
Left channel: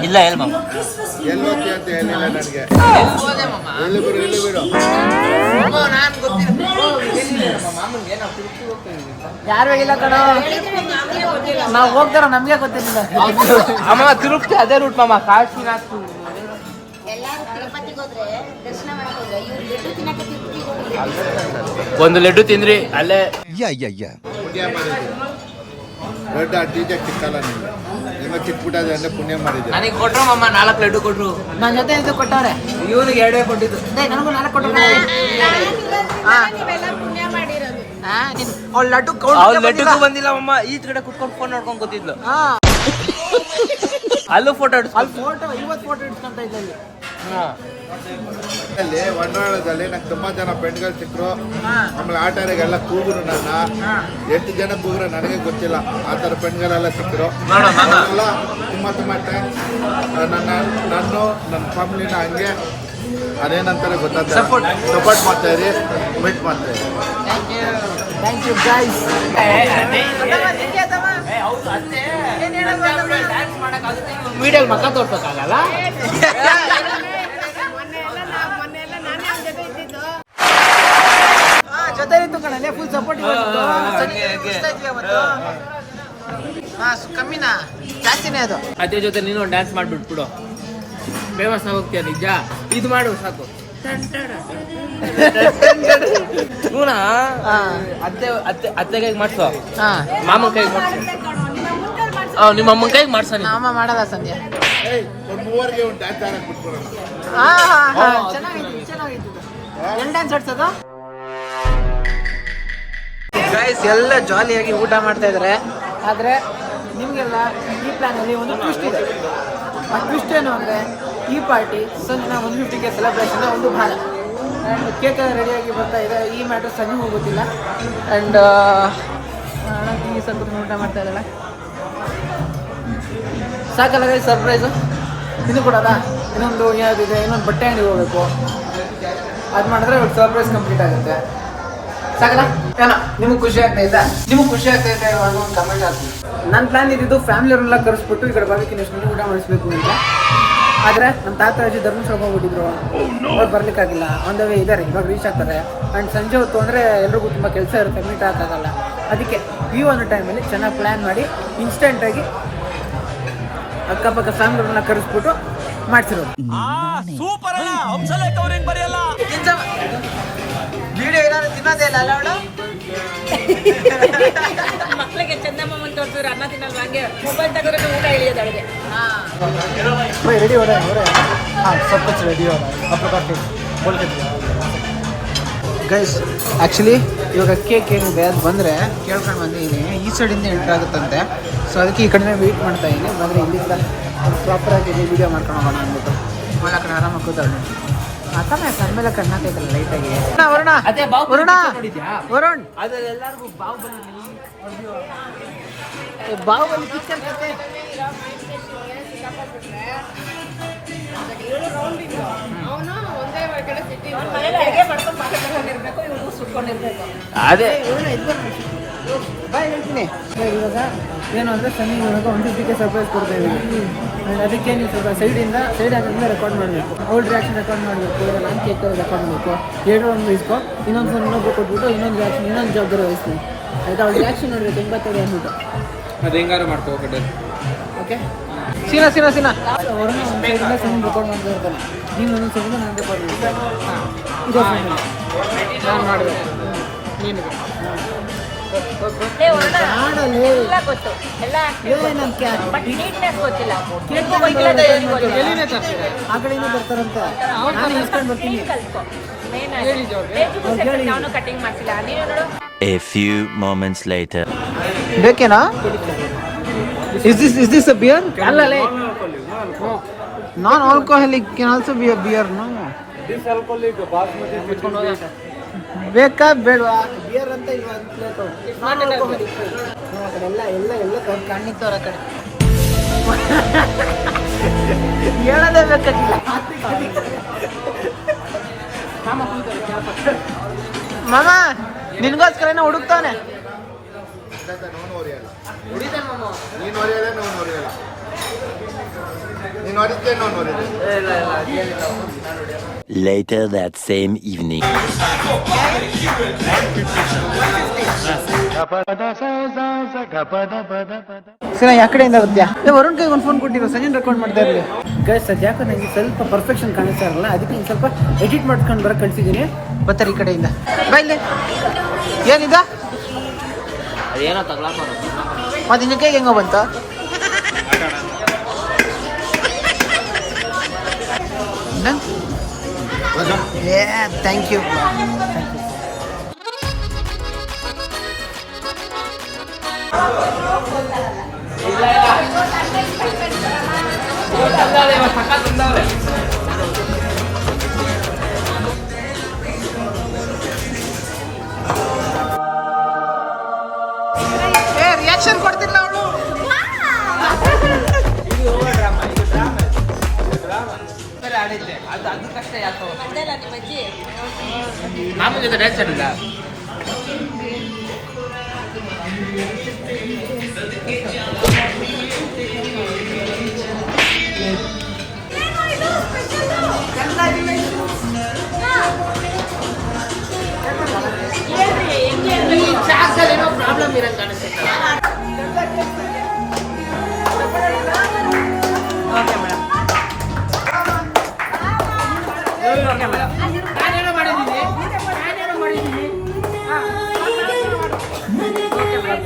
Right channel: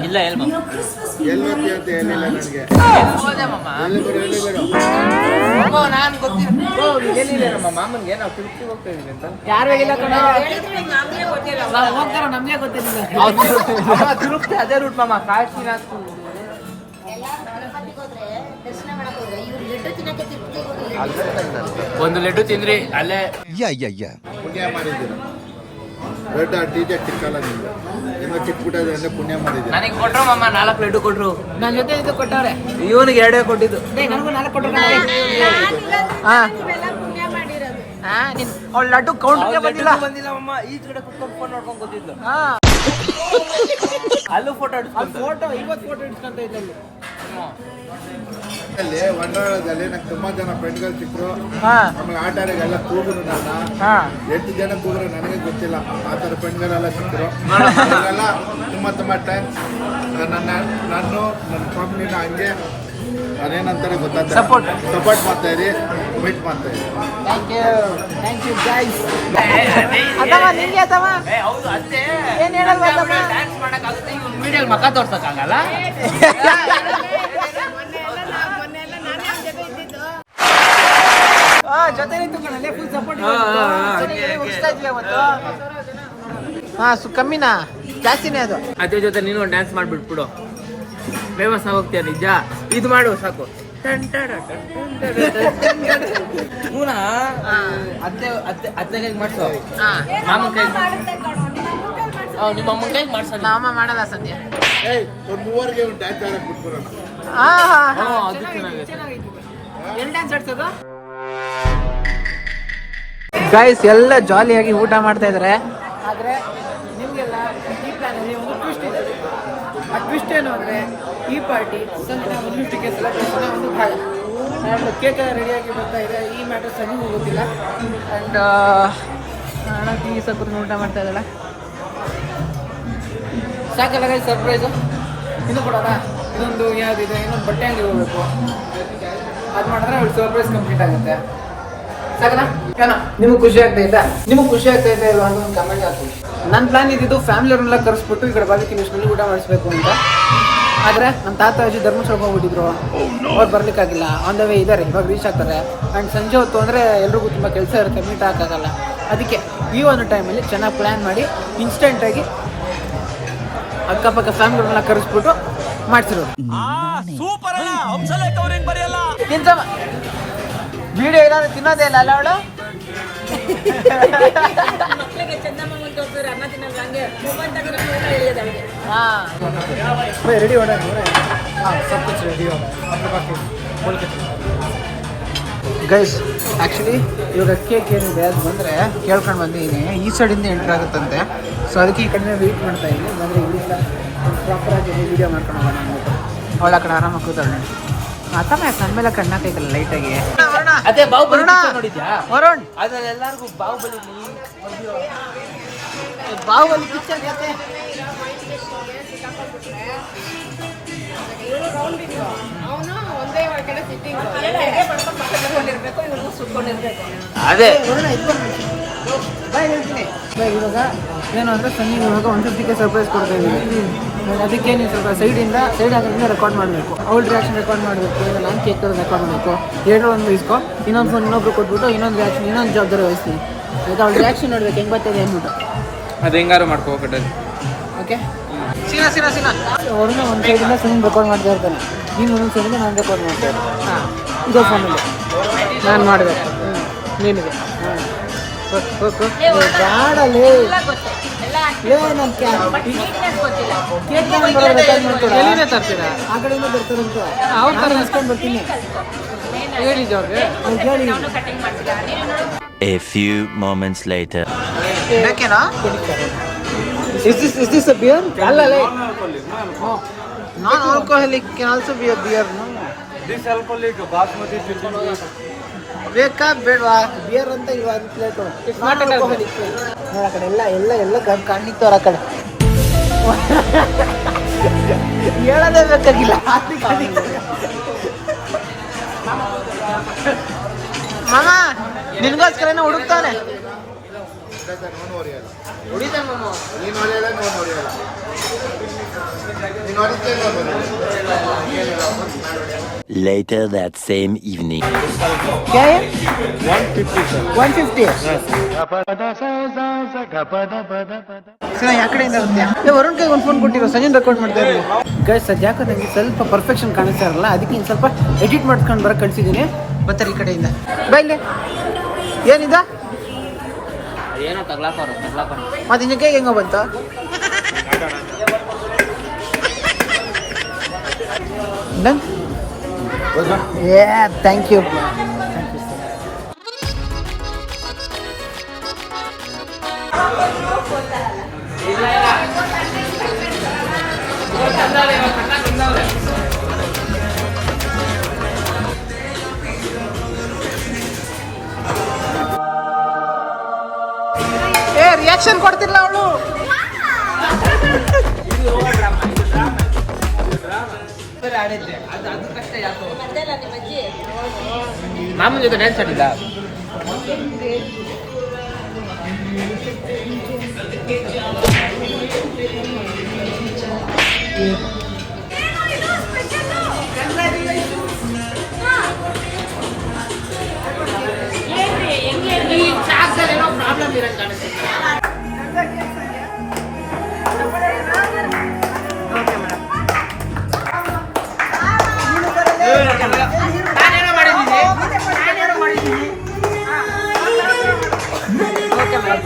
ಇಲ್ಲ ಹೇಳ್ಮ ಎಲ್ವತ್ತಿ ಅಂತ ಹೇಳಿಲ್ಲ ನನಗೆ. ಎಲ್ಲಿ ಬರು ನಾನು ಗೊತ್ತಿಲ್ಲ ನಮ್ಮ ಮಾಮನ್ಗೆ ನಾವು ತಿರುಪತಿ ಹೋಗ್ತಾ ಇದೀವಿ ಅಂತ. ಯಾರು ಇಲ್ಲ ಕಣ, ನಾವು ಹೋಗ್ತಾರ ನಮ್ಗೆ ಗೊತ್ತಿಲ್ಲ. ಅಮ್ಮ ತಿರುಪತಿ ಅದೇ ರೂಟ್ ಮಾಮ, ಕಾಶಿನಾಥ್. ಎಲ್ಲರೂ ತಿರುಪತಿಗೆ ಹೋದ್ರೆ ದರ್ಶನ ಮಾಡಕ್ ಹೋದ್ರೆ ಇವ್ರು ಲಡ್ಡು ತಿನ್ನಕ್ಕೆ ತಿರುಪತಿಗೆ ಹೋಗಿಲ್ಲ. ಒಂದು ಲಡ್ಡು ತಿಂದ್ರಿ ಅಲ್ಲೇ. ಪುಣ್ಯ ಮಾಡಿದ್ರು. ದೊಡ್ಡ ಡಿಜೆ ಚಿಕ್ಕಲ್ಲ ನಿಮ್ಗೆ, ನಿಮ್ಮ ಚಿಕ್ಕಬಿಟ್ಟದ ಅಂದ್ರೆ ಪುಣ್ಯ ಮಾಡಿದ್ರು. ನನಗೆ ಕೊಟ್ರು ಮಾಮ 4 ಲಡ್ಡು ಕೊಟ್ರು. ನನ್ನ ಜೊತೆ ಇದು ಕೊಟ್ಟಾರೆ, ಇವನಿಗೆ 2 ಕೊಟ್ಟಿದ್ದು. ನನಗೂ 4 ಕೊಟ್ಟರು. ನೀವೆಲ್ಲ ಪುಣ್ಯ ಮಾಡಿರೋದು. ಅವ್ಳು ಲಡ್ಡು ಕೌಂಟ್ಗೆ ಬಂದಿಲ್ಲ. ಬಂದಿಲ್ಲ ಅಮ್ಮ, ಈ ಕಡೆ ಕುತ್ಕೊಂಡು ಫೋನ್ ನೋಡ್ಕೊಂಡು ಕೂತಿದ್ಲು. ಹಾ, ಅಲ್ಲೂ ಫೋಟೋ ಅಲ್ಲಿ ಫೋಟೋ 50 ಫೋಟೋ ಇಟ್ಕೊಂತ ಇದ್ದಲ್ಲಿ. ಅಲ್ಲಿ ವಂಡವಾಳದಲ್ಲಿ ನಂಗೆ ತುಂಬಾ ಜನ ಫ್ರೆಂಡ್ಗಳು ಸಿಕ್ಕರು. ಹಾ, ಆಮೇಲೆ ಆಟಾರಿಗೆಲ್ಲ ಕೂಗುರು ನನ್ನ. ಹಾ. 8 ಜನ ಕೂಗ್ರು ನನಗೆ ಗೊತ್ತಿಲ್ಲ. ಆ ಥರ ಫ್ರೆಂಡ್ಗಳೆಲ್ಲ ಸಿಕ್ಕರು. ಅವರೆಲ್ಲ ತುಂಬ ಥ್ಯಾಂಕ್ಸ್. ನನ್ನ ಫ್ಯಾಮಿಲಿನ ಹಂಗೆ ಅದೇನಂತಾರೆ ಗೊತ್ತಾಗ್ತದೆ, ಸಪೋರ್ಟ್ ಮಾಡ್ತಾ ಇರಿ, ವೆಯ್ಟ್ ಮಾಡ್ತಾ ಇರಿ. Thank you guys. ವಿಡಿಯೋಲ್ ಮಕ್ಕ ತೋರ್ಸಕ್ಕಾಗಲ್ಲ. ಜೊತೆ ನಿಂತು ಕಣಲೆ ಫುಲ್ ಸಪೋರ್ಟ್ ಉಳಿಸ್ತಾ ಇದ್ವಿ ಅವತ್ತು. ಹಾ, ಕಮ್ಮಿನಾ ಜಾಸ್ತಿನೇ ಅದು. ಅದೇ ಜೊತೆ ನೀನು ಒಂದು ಡ್ಯಾನ್ಸ್ ಮಾಡ್ಬಿಟ್ಬಿಡು, ಫೇಮಸ್ ಆಗೋಗ್ತೀಯ. ನಿಜ ಇದು ಮಾಡು ಸಾಕು. ಅತ್ತೆ ಕೈಗೆ ಮಾಡ್ಸೋ, ಮಾಮನ ಕೈಗೆ ಮಾಡ್ಸೋ, ನಿಮ್ಮ ಅಮ್ಮನ ಕೈಗೆ ಮಾಡ್ಸೋ. ನಮ್ಮ ಮಾಡಲ್ಲ ಸಂಧ್ಯಾ. ಒಂದು ಮೂವರಿಗೆ ಒಂದು ಡ್ಯಾನ್ಸ್ ಆಡಕ್ಕೆ ಬಿಟ್ಬಿಡೋಣ. ಎಲ್ಲಿ ಡ್ಯಾನ್ಸ್ ಆಡ್ಸೋದು ಗೈಸ್? ಎಲ್ಲ ಜಾಲಿಯಾಗಿ ಊಟ ಮಾಡ್ತಾ ಇದ್ರೆ, ಆದರೆ ನಿಮಗೆಲ್ಲ ಈ ಪ್ಲಾನಲ್ಲಿ ಒಂದು ಟ್ವಿಸ್ಟ್ ಇದೆ. ಆ ಟ್ವಿಸ್ಟ್ ಏನು ಅಂದರೆ, ಈ ಪಾರ್ಟಿ ಸಂಜೆ 150K ಸೆಲೆಬ್ರೇಷನ್ ಒಂದು ಭಾಳ. ಆ್ಯಂಡ್ ಕೇಕ್ ರೆಡಿಯಾಗಿ ಬರ್ತಾ ಇದೆ. ಈ ಮ್ಯಾಟರ್ ಸನಿಗೂ ಗೊತ್ತಿಲ್ಲ. ಆ್ಯಂಡ್ ಈ ಸ್ವಲ್ಪ ಊಟ ಮಾಡ್ತಾ ಇದ್ದಾಳೆ. ಸಾಕಲ್ಲ ಗೈಸ್ ಸರ್ಪ್ರೈಸು. ಇದು ಕೊಡೋದ, ಇನ್ನೊಂದು ಯಾವುದಿದೆ, ಇನ್ನೊಂದು ಬಟ್ಟೆ ಅಂಗಡಿ ಹೋಗ್ಬೇಕು. ಅದು ಮಾಡಿದ್ರೆ ಅವ್ಳು ಸರ್ಪ್ರೈಸ್ ಕಂಪ್ಲೀಟ್ ಆಗುತ್ತೆ. ಸಾಕಲ್ಲ? ಏನೋ ನಿಮಗೆ ಖುಷಿ ಆಗ್ತಾ ಇದ್ದ? ನಿಮಗೆ ಖುಷಿ ಆಗ್ತಾ ಇದ್ರೆ ಒಂದು ಕಮೆಂಟ್ ಹಾಕಿ. ನನ್ನ ಪ್ಲಾನ್ ಇದ್ದಿದ್ದು ಫ್ಯಾಮಿಲಿಯವ್ರನ್ನೆಲ್ಲ ಕರೆಸ್ಬಿಟ್ಟು ಈ ಕಡೆ ಬಾರ್ಬಿಕ್ಯೂ ನೇಷನಲ್ಲಿ ಊಟ ಮಾಡಿಸ್ಬೇಕು ಅಂತ. ಆದರೆ ನಮ್ಮ ತಾತ ಅಜ್ಜಿ ಧರ್ಮಸ್ಥಳಕ್ಕೆ ಹೋಗ್ಬಿಟ್ಟಿದ್ರು, ಅವ್ರು ಬರ್ಲಿಕ್ಕಾಗಿಲ್ಲ. ಆನ್ ದ ವೇ ಇದ್ದಾರೆ, ಇವಾಗ ರೀಚ್ ಆಗ್ತಾರೆ. ಆ್ಯಂಡ್ ಸಂಜೆ ಹೊತ್ತು ಅಂದರೆ ಎಲ್ರಿಗೂ ತುಂಬ ಕೆಲಸ ಇರುತ್ತೆ, ಮೀಟ್ ಹಾಕೋಕ್ಕಾಗಲ್ಲ. ಅದಕ್ಕೆ ಈ ಒಂದು ಟೈಮಲ್ಲಿ ಚೆನ್ನಾಗಿ ಪ್ಲ್ಯಾನ್ ಮಾಡಿ ಇನ್ಸ್ಟೆಂಟಾಗಿ ಅಕ್ಕಪಕ್ಕ ಫ್ಯಾಮಿಲಿಯವ್ರನ್ನೆಲ್ಲ ಕರೆಸ್ಬಿಟ್ಟು ಮಾಡ್ತಿರೋದು. ವಿಡಿಯೋ ಏನಾದ್ರು ತಿನ್ನೋದೇ ಇಲ್ಲ ಅಲ್ಲ ಅವಳು? ಮಕ್ಕಳಿಗೆ ಚಂದಮ್ಮ ತೋರಿಸಿದ್ರೆ ಅನ್ನ ತಿನ್ನಲ್ವ, ಹಂಗೆ ಮೊಬೈಲ್ ತಗೊಂಡ್ರೆ ಊಟ ಇಳಿಯೋದು ಅವಳಿಗೆ. ರೆಡಿ ಹೊಡೆ ಸ್ವಲ್ಪ ರೆಡಿ ಗೈಸ್. ಆ್ಯಕ್ಚುಲಿ ಇವಾಗ ಕೇಕ್ ಏನಿದೆ ಅದು ಬಂದರೆ ಕೇಳ್ಕೊಂಡು ಬಂದಿದ್ದೀನಿ. ಈ ಸೈಡಿಂದ ಎಂಟ್ರ್ ಆಗುತ್ತಂತೆ. ಸೊ ಅದಕ್ಕೆ ಈ ಕಡೆಯಿಂದ ವೆಯ್ಟ್ ಮಾಡ್ತಾ ಇದ್ದೀನಿ. ಬಂದರೆ ಇಲ್ಲಿಂದ ಒಂದು ಪ್ರಾಪರಾಗಿ ವೀಡಿಯೋ ಮಾಡ್ಕೊಂಡು ಹೋಗೋಣ ಅಂದ್ಬಿಟ್ಟು ಅವಳ ಕಡೆ ಆರಾಮಾಗಿ ಕೂತಾಳೆ. ಅತ್ತಮ್ಮ ನನ್ನ ಮೇಲೆ ಕಣ್ಣಾಕೈತಲ್ಲ ಲೈಟಾಗಿ. ಅದೇ ವರುಣ, ವರುಣ್, ಎಲ್ಲರಿಗೂ ಬಾಹುಬಲಿ ಬಾಹುಬಲಿ ಪಿಕ್ಚರ್ ಜೊತೆ ಅವನು ಒಂದೇ ಕಡೆ ಸಿಟ್ಟಿಂಗ್ ಪಡ್ಕೊಂಡಿರ್ಬೇಕು, ಇವ್ರು ಸುಟ್ಕೊಂಡಿರ್ಬೇಕು. ಅದೇ ವರುಣ ಇದು ಬಾಯ್ ಹೇಳ್ತೀನಿ. ಇವಾಗ ಏನು ಅಂದರೆ ಸನ್ನಿ ಇವಾಗ 150K ಸರ್ಪ್ರೈಸ್ ಕೊಡ್ತಾ ಇದ್ದೀವಿ. ಅದಕ್ಕೆ ನೀವು ಸ್ವಲ್ಪ ಸೈಡ್ ಆಗಿಂದ ರೆಕಾರ್ಡ್ ಮಾಡಬೇಕು. ಅವ್ಳ ರಿಯಾಕ್ಷನ್ ರೆಕಾರ್ಡ್ ಮಾಡಬೇಕು, ಇಲ್ಲ ನಾನು ಕೇಕ್ ಥರ ರೆಕಾರ್ಡ್ ಮಾಡಬೇಕು. ಎರಡು ಒಂದು ಇಸ್ಕೊ, ಇನ್ನೊಂದು ಫೋನ್ ಇನ್ನೊಬ್ರು ಕೊಟ್ಬಿಟ್ಟು ಇನ್ನೊಂದು ರಿಯಾಕ್ಷನ್ ಇನ್ನೊಂದು ಜವಾಬ್ದಾರಿ ವಹಿಸ್ತೀನಿ ಆಯಿತಾ. ಅವ್ಳ ರಿಯಾಕ್ಷನ್ ನೋಡ್ಬೇಕು ಹೆಂಗೆ ಬರ್ತದೆ ಅಂದ್ಬಿಟ್ಟು. ಅದು ಹೆಂಗಾರು ಮಾಡ್ಕೋಬೇಕಟ್ಟೆ. ಓಕೆ ಸಿನ ಅವ್ರನ್ನ ಒಂದು ಸೈಡಿಂದ ಸನ್ನಿ ರೆಕಾರ್ಡ್ ಮಾಡ್ತಾ ಇರ್ತಾನೆ, ನೀನು ಒಂದೊಂದು ಸೈಡಿಂದ ನಾನು ರೆಕಾರ್ಡ್ ಮಾಡ್ತೇನೆ. ಇದೇ ಫೋನಲ್ಲಿ ನಾನು ಮಾಡಬೇಕು, ನೀನಿದೆ. ಹಾಂ ಗಾಡಲ್ಲಿ ನನ್ನ ಕೇಕ್ ರೆಕಾರ್ಡ್ ಮಾಡ್ಕೊಡ, ಆ ಕಡೆಯಿಂದ ಬರ್ತಾರಂತ ನಾನು ಇಸ್ಕೊಂಡು ಬರ್ತೀನಿ. ಅವ್ರಿಗೆ ಹೇಳಿ. A few moments later. ಬೇಕೇನಾ? Is this a beer? ಅಲ್ಲಲೇ non-alcoholic can also be a beer. Disalcoholic basmati chicken. ಬೇಕಾ ಬೇಡವಾ ಬಿಯರ್ ಅಂತ ಇಲ್ವಾ ಅಂತ ಪ್ಲೇಟು non-alcoholic. ಆ ಕಡೆ ಎಲ್ಲ ಕಾಣಿಕ್ತವ್ರ ಆ ಕಡೆ ಹೇಳೋದೇ ಬೇಕಾಗಿಲ್ಲ. ಮಗ ನಿನ್ಗೋಸ್ಕರನೇ ಹುಡುಕ್ತಾನೆ. ನೀನು ಹೊರೆಯಲ್ಲ, ನೀನು ಹೊರೆಯಲ್ಲ. ನೀನು ಹೊರಿತೇನೆ, ನೋಡು ಹೊರೆಯಲ್ಲ. Later that same evening. 150 ಸರಿ, ಯಾವ ಕಡೆಯಿಂದ ಬರ್ತೀಯಾ? ವರುಣ್ ಕೈಗೆ ಒಂದು ಫೋನ್ ಕೊಟ್ಟಿರೋ, ಸಂಜೆ ರೆಕಾರ್ಡ್ ಮಾಡ್ತಾ ಇರಲಿ. ಗೈಸ್ ಅದು ಯಾಕೋ ನನಗೆ ಸ್ವಲ್ಪ ಪರ್ಫೆಕ್ಷನ್ ಕಾಣಿಸ್ತಾ ಇರಲ್ಲ, ಅದಕ್ಕೆ ಇನ್ನು ಸ್ವಲ್ಪ ಎಡಿಟ್ ಮಾಡ್ಕೊಂಡು ಬರೋಕೆ ಕಳಿಸಿದ್ದೀನಿ. ಬರ್ತಾರೆ ಈ ಕಡೆಯಿಂದ. ಬೈಲಿ ಏನಿದ ಏನೋ ತಗ್ಲಾಕೋರು ಮತ್ತೆ ಇನ್ನು ಕೈಗೆ ಹೆಂಗೋ ಬಂತ? Thank you. ರಿಯಾಕ್ಷನ್ ಕೊಡ್ತಿಲ್ಲ ಅವಳು. ಮಾಮೂಲಿ ಜೊತೆ ಡ್ಯಾನ್ಸ್ ಆಡಿಲ್ಲ. ಏನೋ ಪ್ರಾಬ್ಲಮ್ ಇರಂಗ್ ಕಾಣಿಸುತ್ತೆ. Okay madam. ನಾನೇನೋ ಮಾಡಿದ್ದೀನಿ. Okay madam.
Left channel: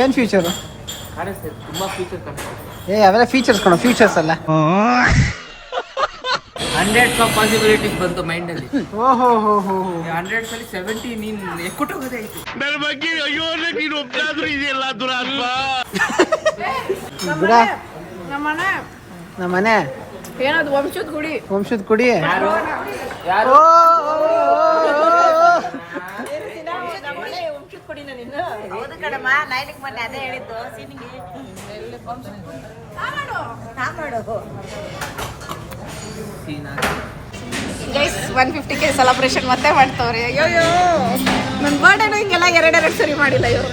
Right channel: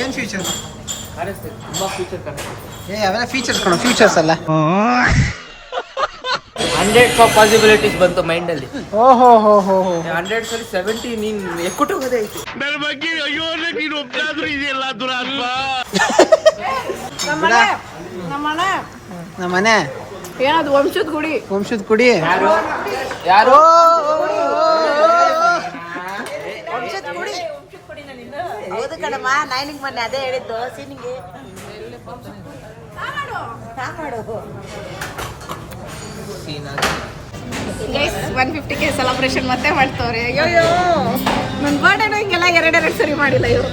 ಏನ್ ಫ್ಯೂಚರ್ ಕಾಣಿಸ್ತದೆ, ತುಂಬಾ ಫ್ಯೂಚರ್ ಕಾಣಿಸ್ತದೆ. ಅವೆಲ್ಲ ಫೀಚರ್ಸ್ ಕಣೋ, ಫ್ಯೂಚರ್ಸ್ ಅಲ್ಲ. 100 ಪಾಸಿಬಿಲಿಟೀಸ್ ಬಂತು ಮೈಂಡ್ ಅಲ್ಲಿ. ಓಹೋ ಹೋ ಹೋ 100 ಸರಿ 70 ನೀನ್ ಎಕ್ಕುಟ್ಟೋಗೋದೇ ಆಯ್ತು. ಬಿಡ ನಮ್ಮ ಮನೆ ಏನದು ವಂಶದ ಕುಡಿ. ಯಾರು ಅದೇ ಹೇಳಿದ್ದು ಗೈಸ್ 150K ಸೆಲೆಬ್ರೇಷನ್ ಮತ್ತೆ ಮಾಡ್ತವ್ರೆ. ಅಯ್ಯೋ ನನ್ನ ಬರ್ಡೇನು ಹಿಂಗೆಲ್ಲ 2 ಸರಿ ಮಾಡಿಲ್ಲ ಇವರು.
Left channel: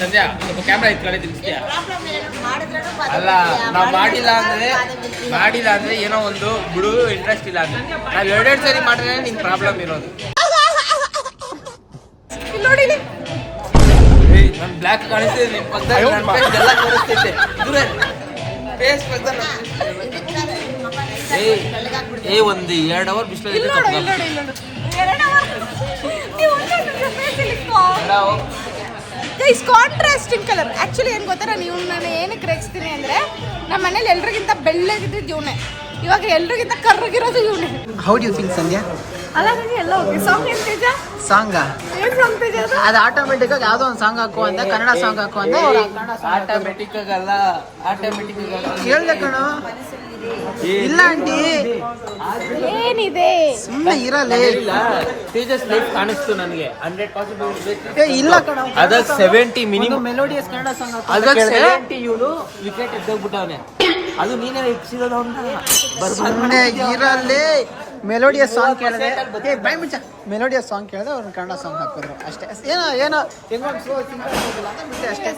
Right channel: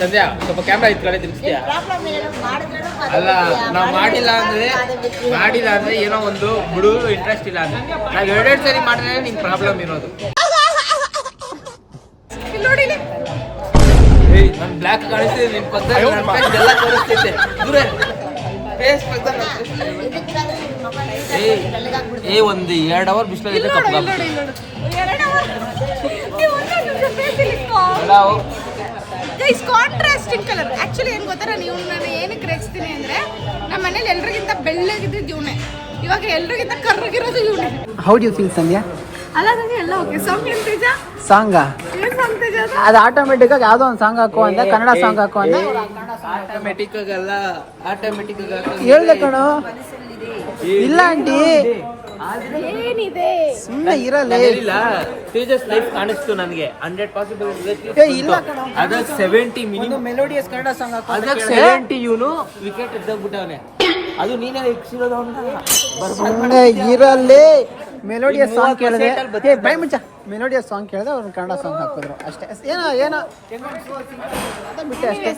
ಸಂಧ್ಯಾ ಸ್ವಲ್ಪ ಕ್ಯಾಮ್ರಾ ಇಟ್ಕೊಳ್ಳಿ ತಿರ್ಗಿಸ್ತೀಯಾ ಪ್ರಾಬ್ಲಮ್ ಏನು ಮಾಡಿದ್ರೂ ಅಲ್ಲ ನಾವು ಮಾಡಿಲ್ಲ ಅಂದ್ರೆ ಏನೋ ಒಂದು ಬಿಡು ಇಂಟ್ರೆಸ್ಟ್ ಇಲ್ಲ ಅಂದ್ರೆ ನಾವು ಎರಡೆರಡು ಸರಿ ಮಾಡಿದ್ರೆ ನಿಂಗೆ ಪ್ರಾಬ್ಲಮ್ ಇರೋದು. ಇಲ್ಲಿ ನೋಡಿ ಇಲ್ಲಿ. ನಾನು ಬ್ಲ್ಯಾಕ್ ಕಾಣಿಸ್ತಿದೆ ನಿನ್ ಪಕ್ಕದಲ್ಲಿ ನನ್ನ face ಎಲ್ಲ ತೋರಿಸ್ತೈತೆ. ದೂರ ಫೇಸ್ ಪಕ್ಕದಲ್ಲಿ ಒಂದು 2 ಅವರ್ ಬಿಸಿಲು ಇಲ್ಲಿ ನೋಡು ಇಲ್ಲಿ ನೋಡು ಇಲ್ಲಿ ನೋಡು 2 ಅವರ್ ನೀವು ಒಂದೇ ನಿಮಿಷ ಫೇಸ್ ಇಲ್ಲಿ ಗೈಸ್ ಕಾಂಟ್ರಾಸ್ಟಿಂಗ್ ಕಲರ್. ಆ್ಯಕ್ಚುಲಿ ಏನು ಗೊತ್ತಾ, ನೀವು ನಾನು ಏನಕ್ಕೆ ರೇಗಿಸ್ತೀನಿ ಅಂದರೆ ನಮ್ಮ ಮನೇಲಿ ಎಲ್ರಿಗಿಂತ ಬೆಳ್ಳಗಿದ್ದು ಇವನೇ, ಇವಾಗ ಎಲ್ರಿಗಿಂತ ಕರ್ರಗಿರೋದು ಇವನೇ. ಹೌ ಡು ಯು ಫೀಲ್ ಸಂಧ್ಯಾ? ಅಲ್ಲ ನನಗೆ ಎಲ್ಲ ಓಕೆ. ಸಾಂಗ್ ಏನು ತೇಜ? ಸಾಂಗ ಏನು ಸಾಂಗ್ ತೇಜ ಅದು? ಅದು ಆಟೋಮೆಟಿಕ್ ಆಗಿ ಯಾವುದೋ ಒಂದು ಸಾಂಗ್ ಹಾಕು ಅಂದೆ, ಕನ್ನಡ ಸಾಂಗ್ ಹಾಕು ಅಂದೆ. ಆಟೋಮೆಟಿಕ್ ಆಗಲ್ಲ, ಆಟೋಮೆಟಿಕ್ ಹೇಳ್ದೆ ಕಣೋ. ಇಲ್ಲ ಆಂಟಿ ಏನಿದೆ ಸುಮ್ಮನೆ ಇರಲಿ. ತೇಜಸ್ ಲೈಫ್ ಕಾಣಿಸ್ತು ನನಗೆ 100% ಏ ಇಲ್ಲ ಕಣೋ, ಅದಕ್ಕೆ 70 ಮಿನಿಮಮ್ ಮೆಲೋಡಿಯಸ್ ಕನ್ನಡ ಸಾಂಗ್ ಹಾಕು ಅಂತ ಅದಕ್ಕೆ ಕೇಳಿದೆ. 70 ಇವನು ವಿಕೆಟ್ ಎದ್ದೋಗ್ಬಿಟ್ಟವನೆ. ಅದು ನೀನೇ ಇಪ್ಸಿರೋದು ಅಂತ ಸುಮ್ಮನೆ ಇರಲಿ. ಮೆಲೋಡಿಯಸ್ ಸಾಂಗ್ ಕೇಳಿದೆ, ಏ ಬೈ ಮುಂಚ ಮೆಲೋಡಿಯಸ್ ಸಾಂಗ್ ಕೇಳಿದೆ, ಅವ್ರನ್ನ ಕನ್ನಡ ಸಾಂಗ್ ಹಾಕಿದ್ರು ಅಷ್ಟೇ. ಏನೋ ಏನೋ ಬಿಟ್ಟು ಅಷ್ಟೇ.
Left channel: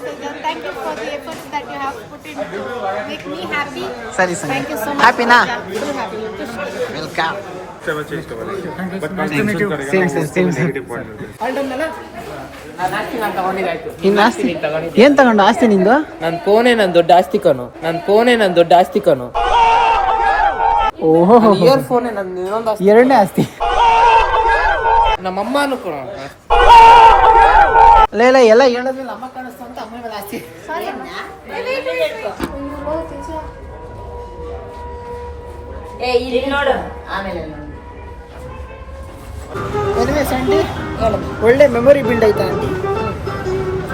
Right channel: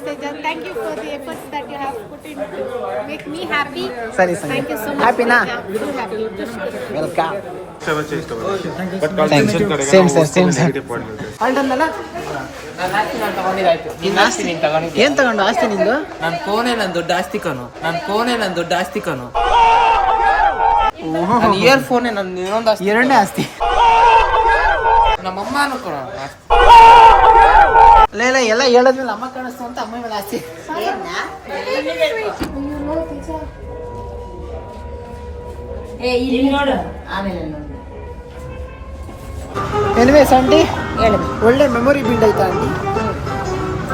Thank you for the efforts that you have put in to make me happy. ಸರಿ Sandhya, thank you so much. ಹ್ಯಾಪಿನಾ? Welcome. Same sir same sir. ಅಲ್ಲ ಇನ್ನು ಆಸ್ತಿ ಏನು ತಗೊಂಡು ಆಸ್ತಿ ನಿಂದು? ನನ್ನ ಫೋನೇ ನನ್ನ ದೊಡ್ಡ ಆಸ್ತಿ ಕಣು. ನನ್ನ ಫೋನೇ ನನ್ನ ದೊಡ್ಡ ಆಸ್ತಿ ಕಣು. ಓಹೋ, ಇಯರ್ ಫೋನೇ ನನ್ನ ಇನ್ನೊಂದು ಆಸ್ತಿ. ಎರಡನೇ ಆಸ್ತಿ. ನಮ್ಮಮ್ಮನೂ ಕೂಡ ಇಲ್ಲ ಎಲ್ಲ ಹೇಳದ್ಮೇಲೆ ಅಮ್ಮ ಕಾಣಿಸ್ತು ಅಂತ ಅಮ್ಮಗಳ ಆಸ್ತಿ. ಆಮೇಲೆ ಎನಿವೇಸ್ ಆಂಟಿ, ಒಳ್ಳೆ ಮೆಮೊರಿ ಬಿಲ್ಡ್ ಆಯ್ತಾ ಆಂಟಿ?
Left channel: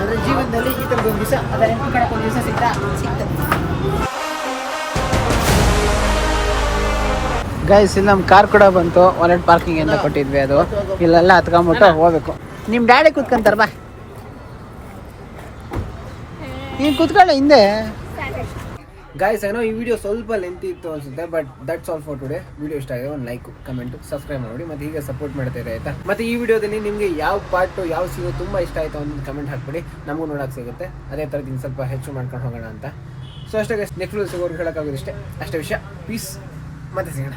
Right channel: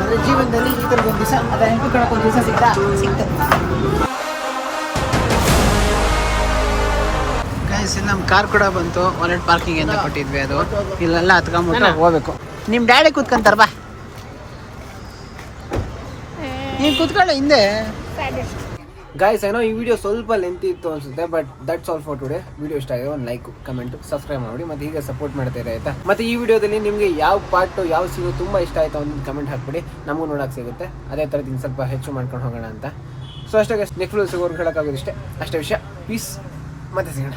ಅಂದ್ರೆ ಜೀವನದಲ್ಲಿ ಈ ಥರದ್ದು ಒಂದು ದಿವಸ, ಅದೇ ನೆನಪು ಕಣಕ್ಕೆ ಒಂದು ದಿವಸ ಸಿಕ್ತು. ಗೈಸ್, ಇಲ್ಲಿ ನಮ್ಮ ಕಾರ್ ಕೂಡ ಬಂತು. ವಾಲೆಟ್ ಪಾರ್ಕಿಂಗ್ ಅಂತ ಕೊಟ್ಟಿದ್ವಿ, ಅದು ಇಲ್ಲೆಲ್ಲ ಹತ್ಕೊಂಡ್ಬಿಟ್ಟು ಹೋಗ್ಬೇಕು. ನಿಮ್ಮ ಡ್ಯಾಡಿ ಕೂತ್ಕೊಂತಾರ, ಬಾ ನೀನು ಕೂತ್ಕೊಳ್ಳ ಹಿಂದೆ. ಗೈಸ್, ಏನೋ ಈ ವಿಡಿಯೋ ಸ್ವಲ್ಪ ಲೆಂತ್ ಇತ್ತು ಅನ್ಸುತ್ತೆ, but that's all for today. Video ಇಷ್ಟ ಆಗಿದೆ ಒಂದು ಲೈಕ್, ಕಮೆಂಟ್, ಸಬ್ಸ್ಕ್ರೈಬ್ ಮಾಡಿ, ಮತ್ತೆ ಹೀಗೆ ಸಪೋರ್ಟ್ ಮಾಡ್ತಾ ಇರಿ ಆಯ್ತಾ. ಮತ್ತೆ ಈ ವಿಡಿಯೋದಲ್ಲಿ ನಿಮಗೆ ಯಾವ ಪಾರ್ಟು ಯಾವ ಸೀನು ತುಂಬ ಇಷ್ಟ ಆಯಿತು ಒಂದು ಕಮೆಂಟ್ ಹಾಕ್ಬಿಡಿ, ನಮಗೂ ನೋಡೋಕೆ ಸಿಗುತ್ತೆ. ಅದೇ ಥರದಿಂದ ಸ್ವಲ್ಪ ಹೆಚ್ಚು ಮಾಡ್ಕೊಂಡು ಹೋಗೋಣ ಅಂತ. ಸೊ ಅಷ್ಟೇ ಗೈಸ್, ನೆಕ್ಸ್ಟ್ ವಿಡಿಯೋ ಸಿಗೋರ್ಗೆ ಹೇಳೋಕ್ಕಾಗೋದಿಷ್ಟೇ, ಅಷ್ಟೇ ವಿಷಯ. ಪೀಸ್, ಮತ್ತೆ ಸಿಗೋಣ.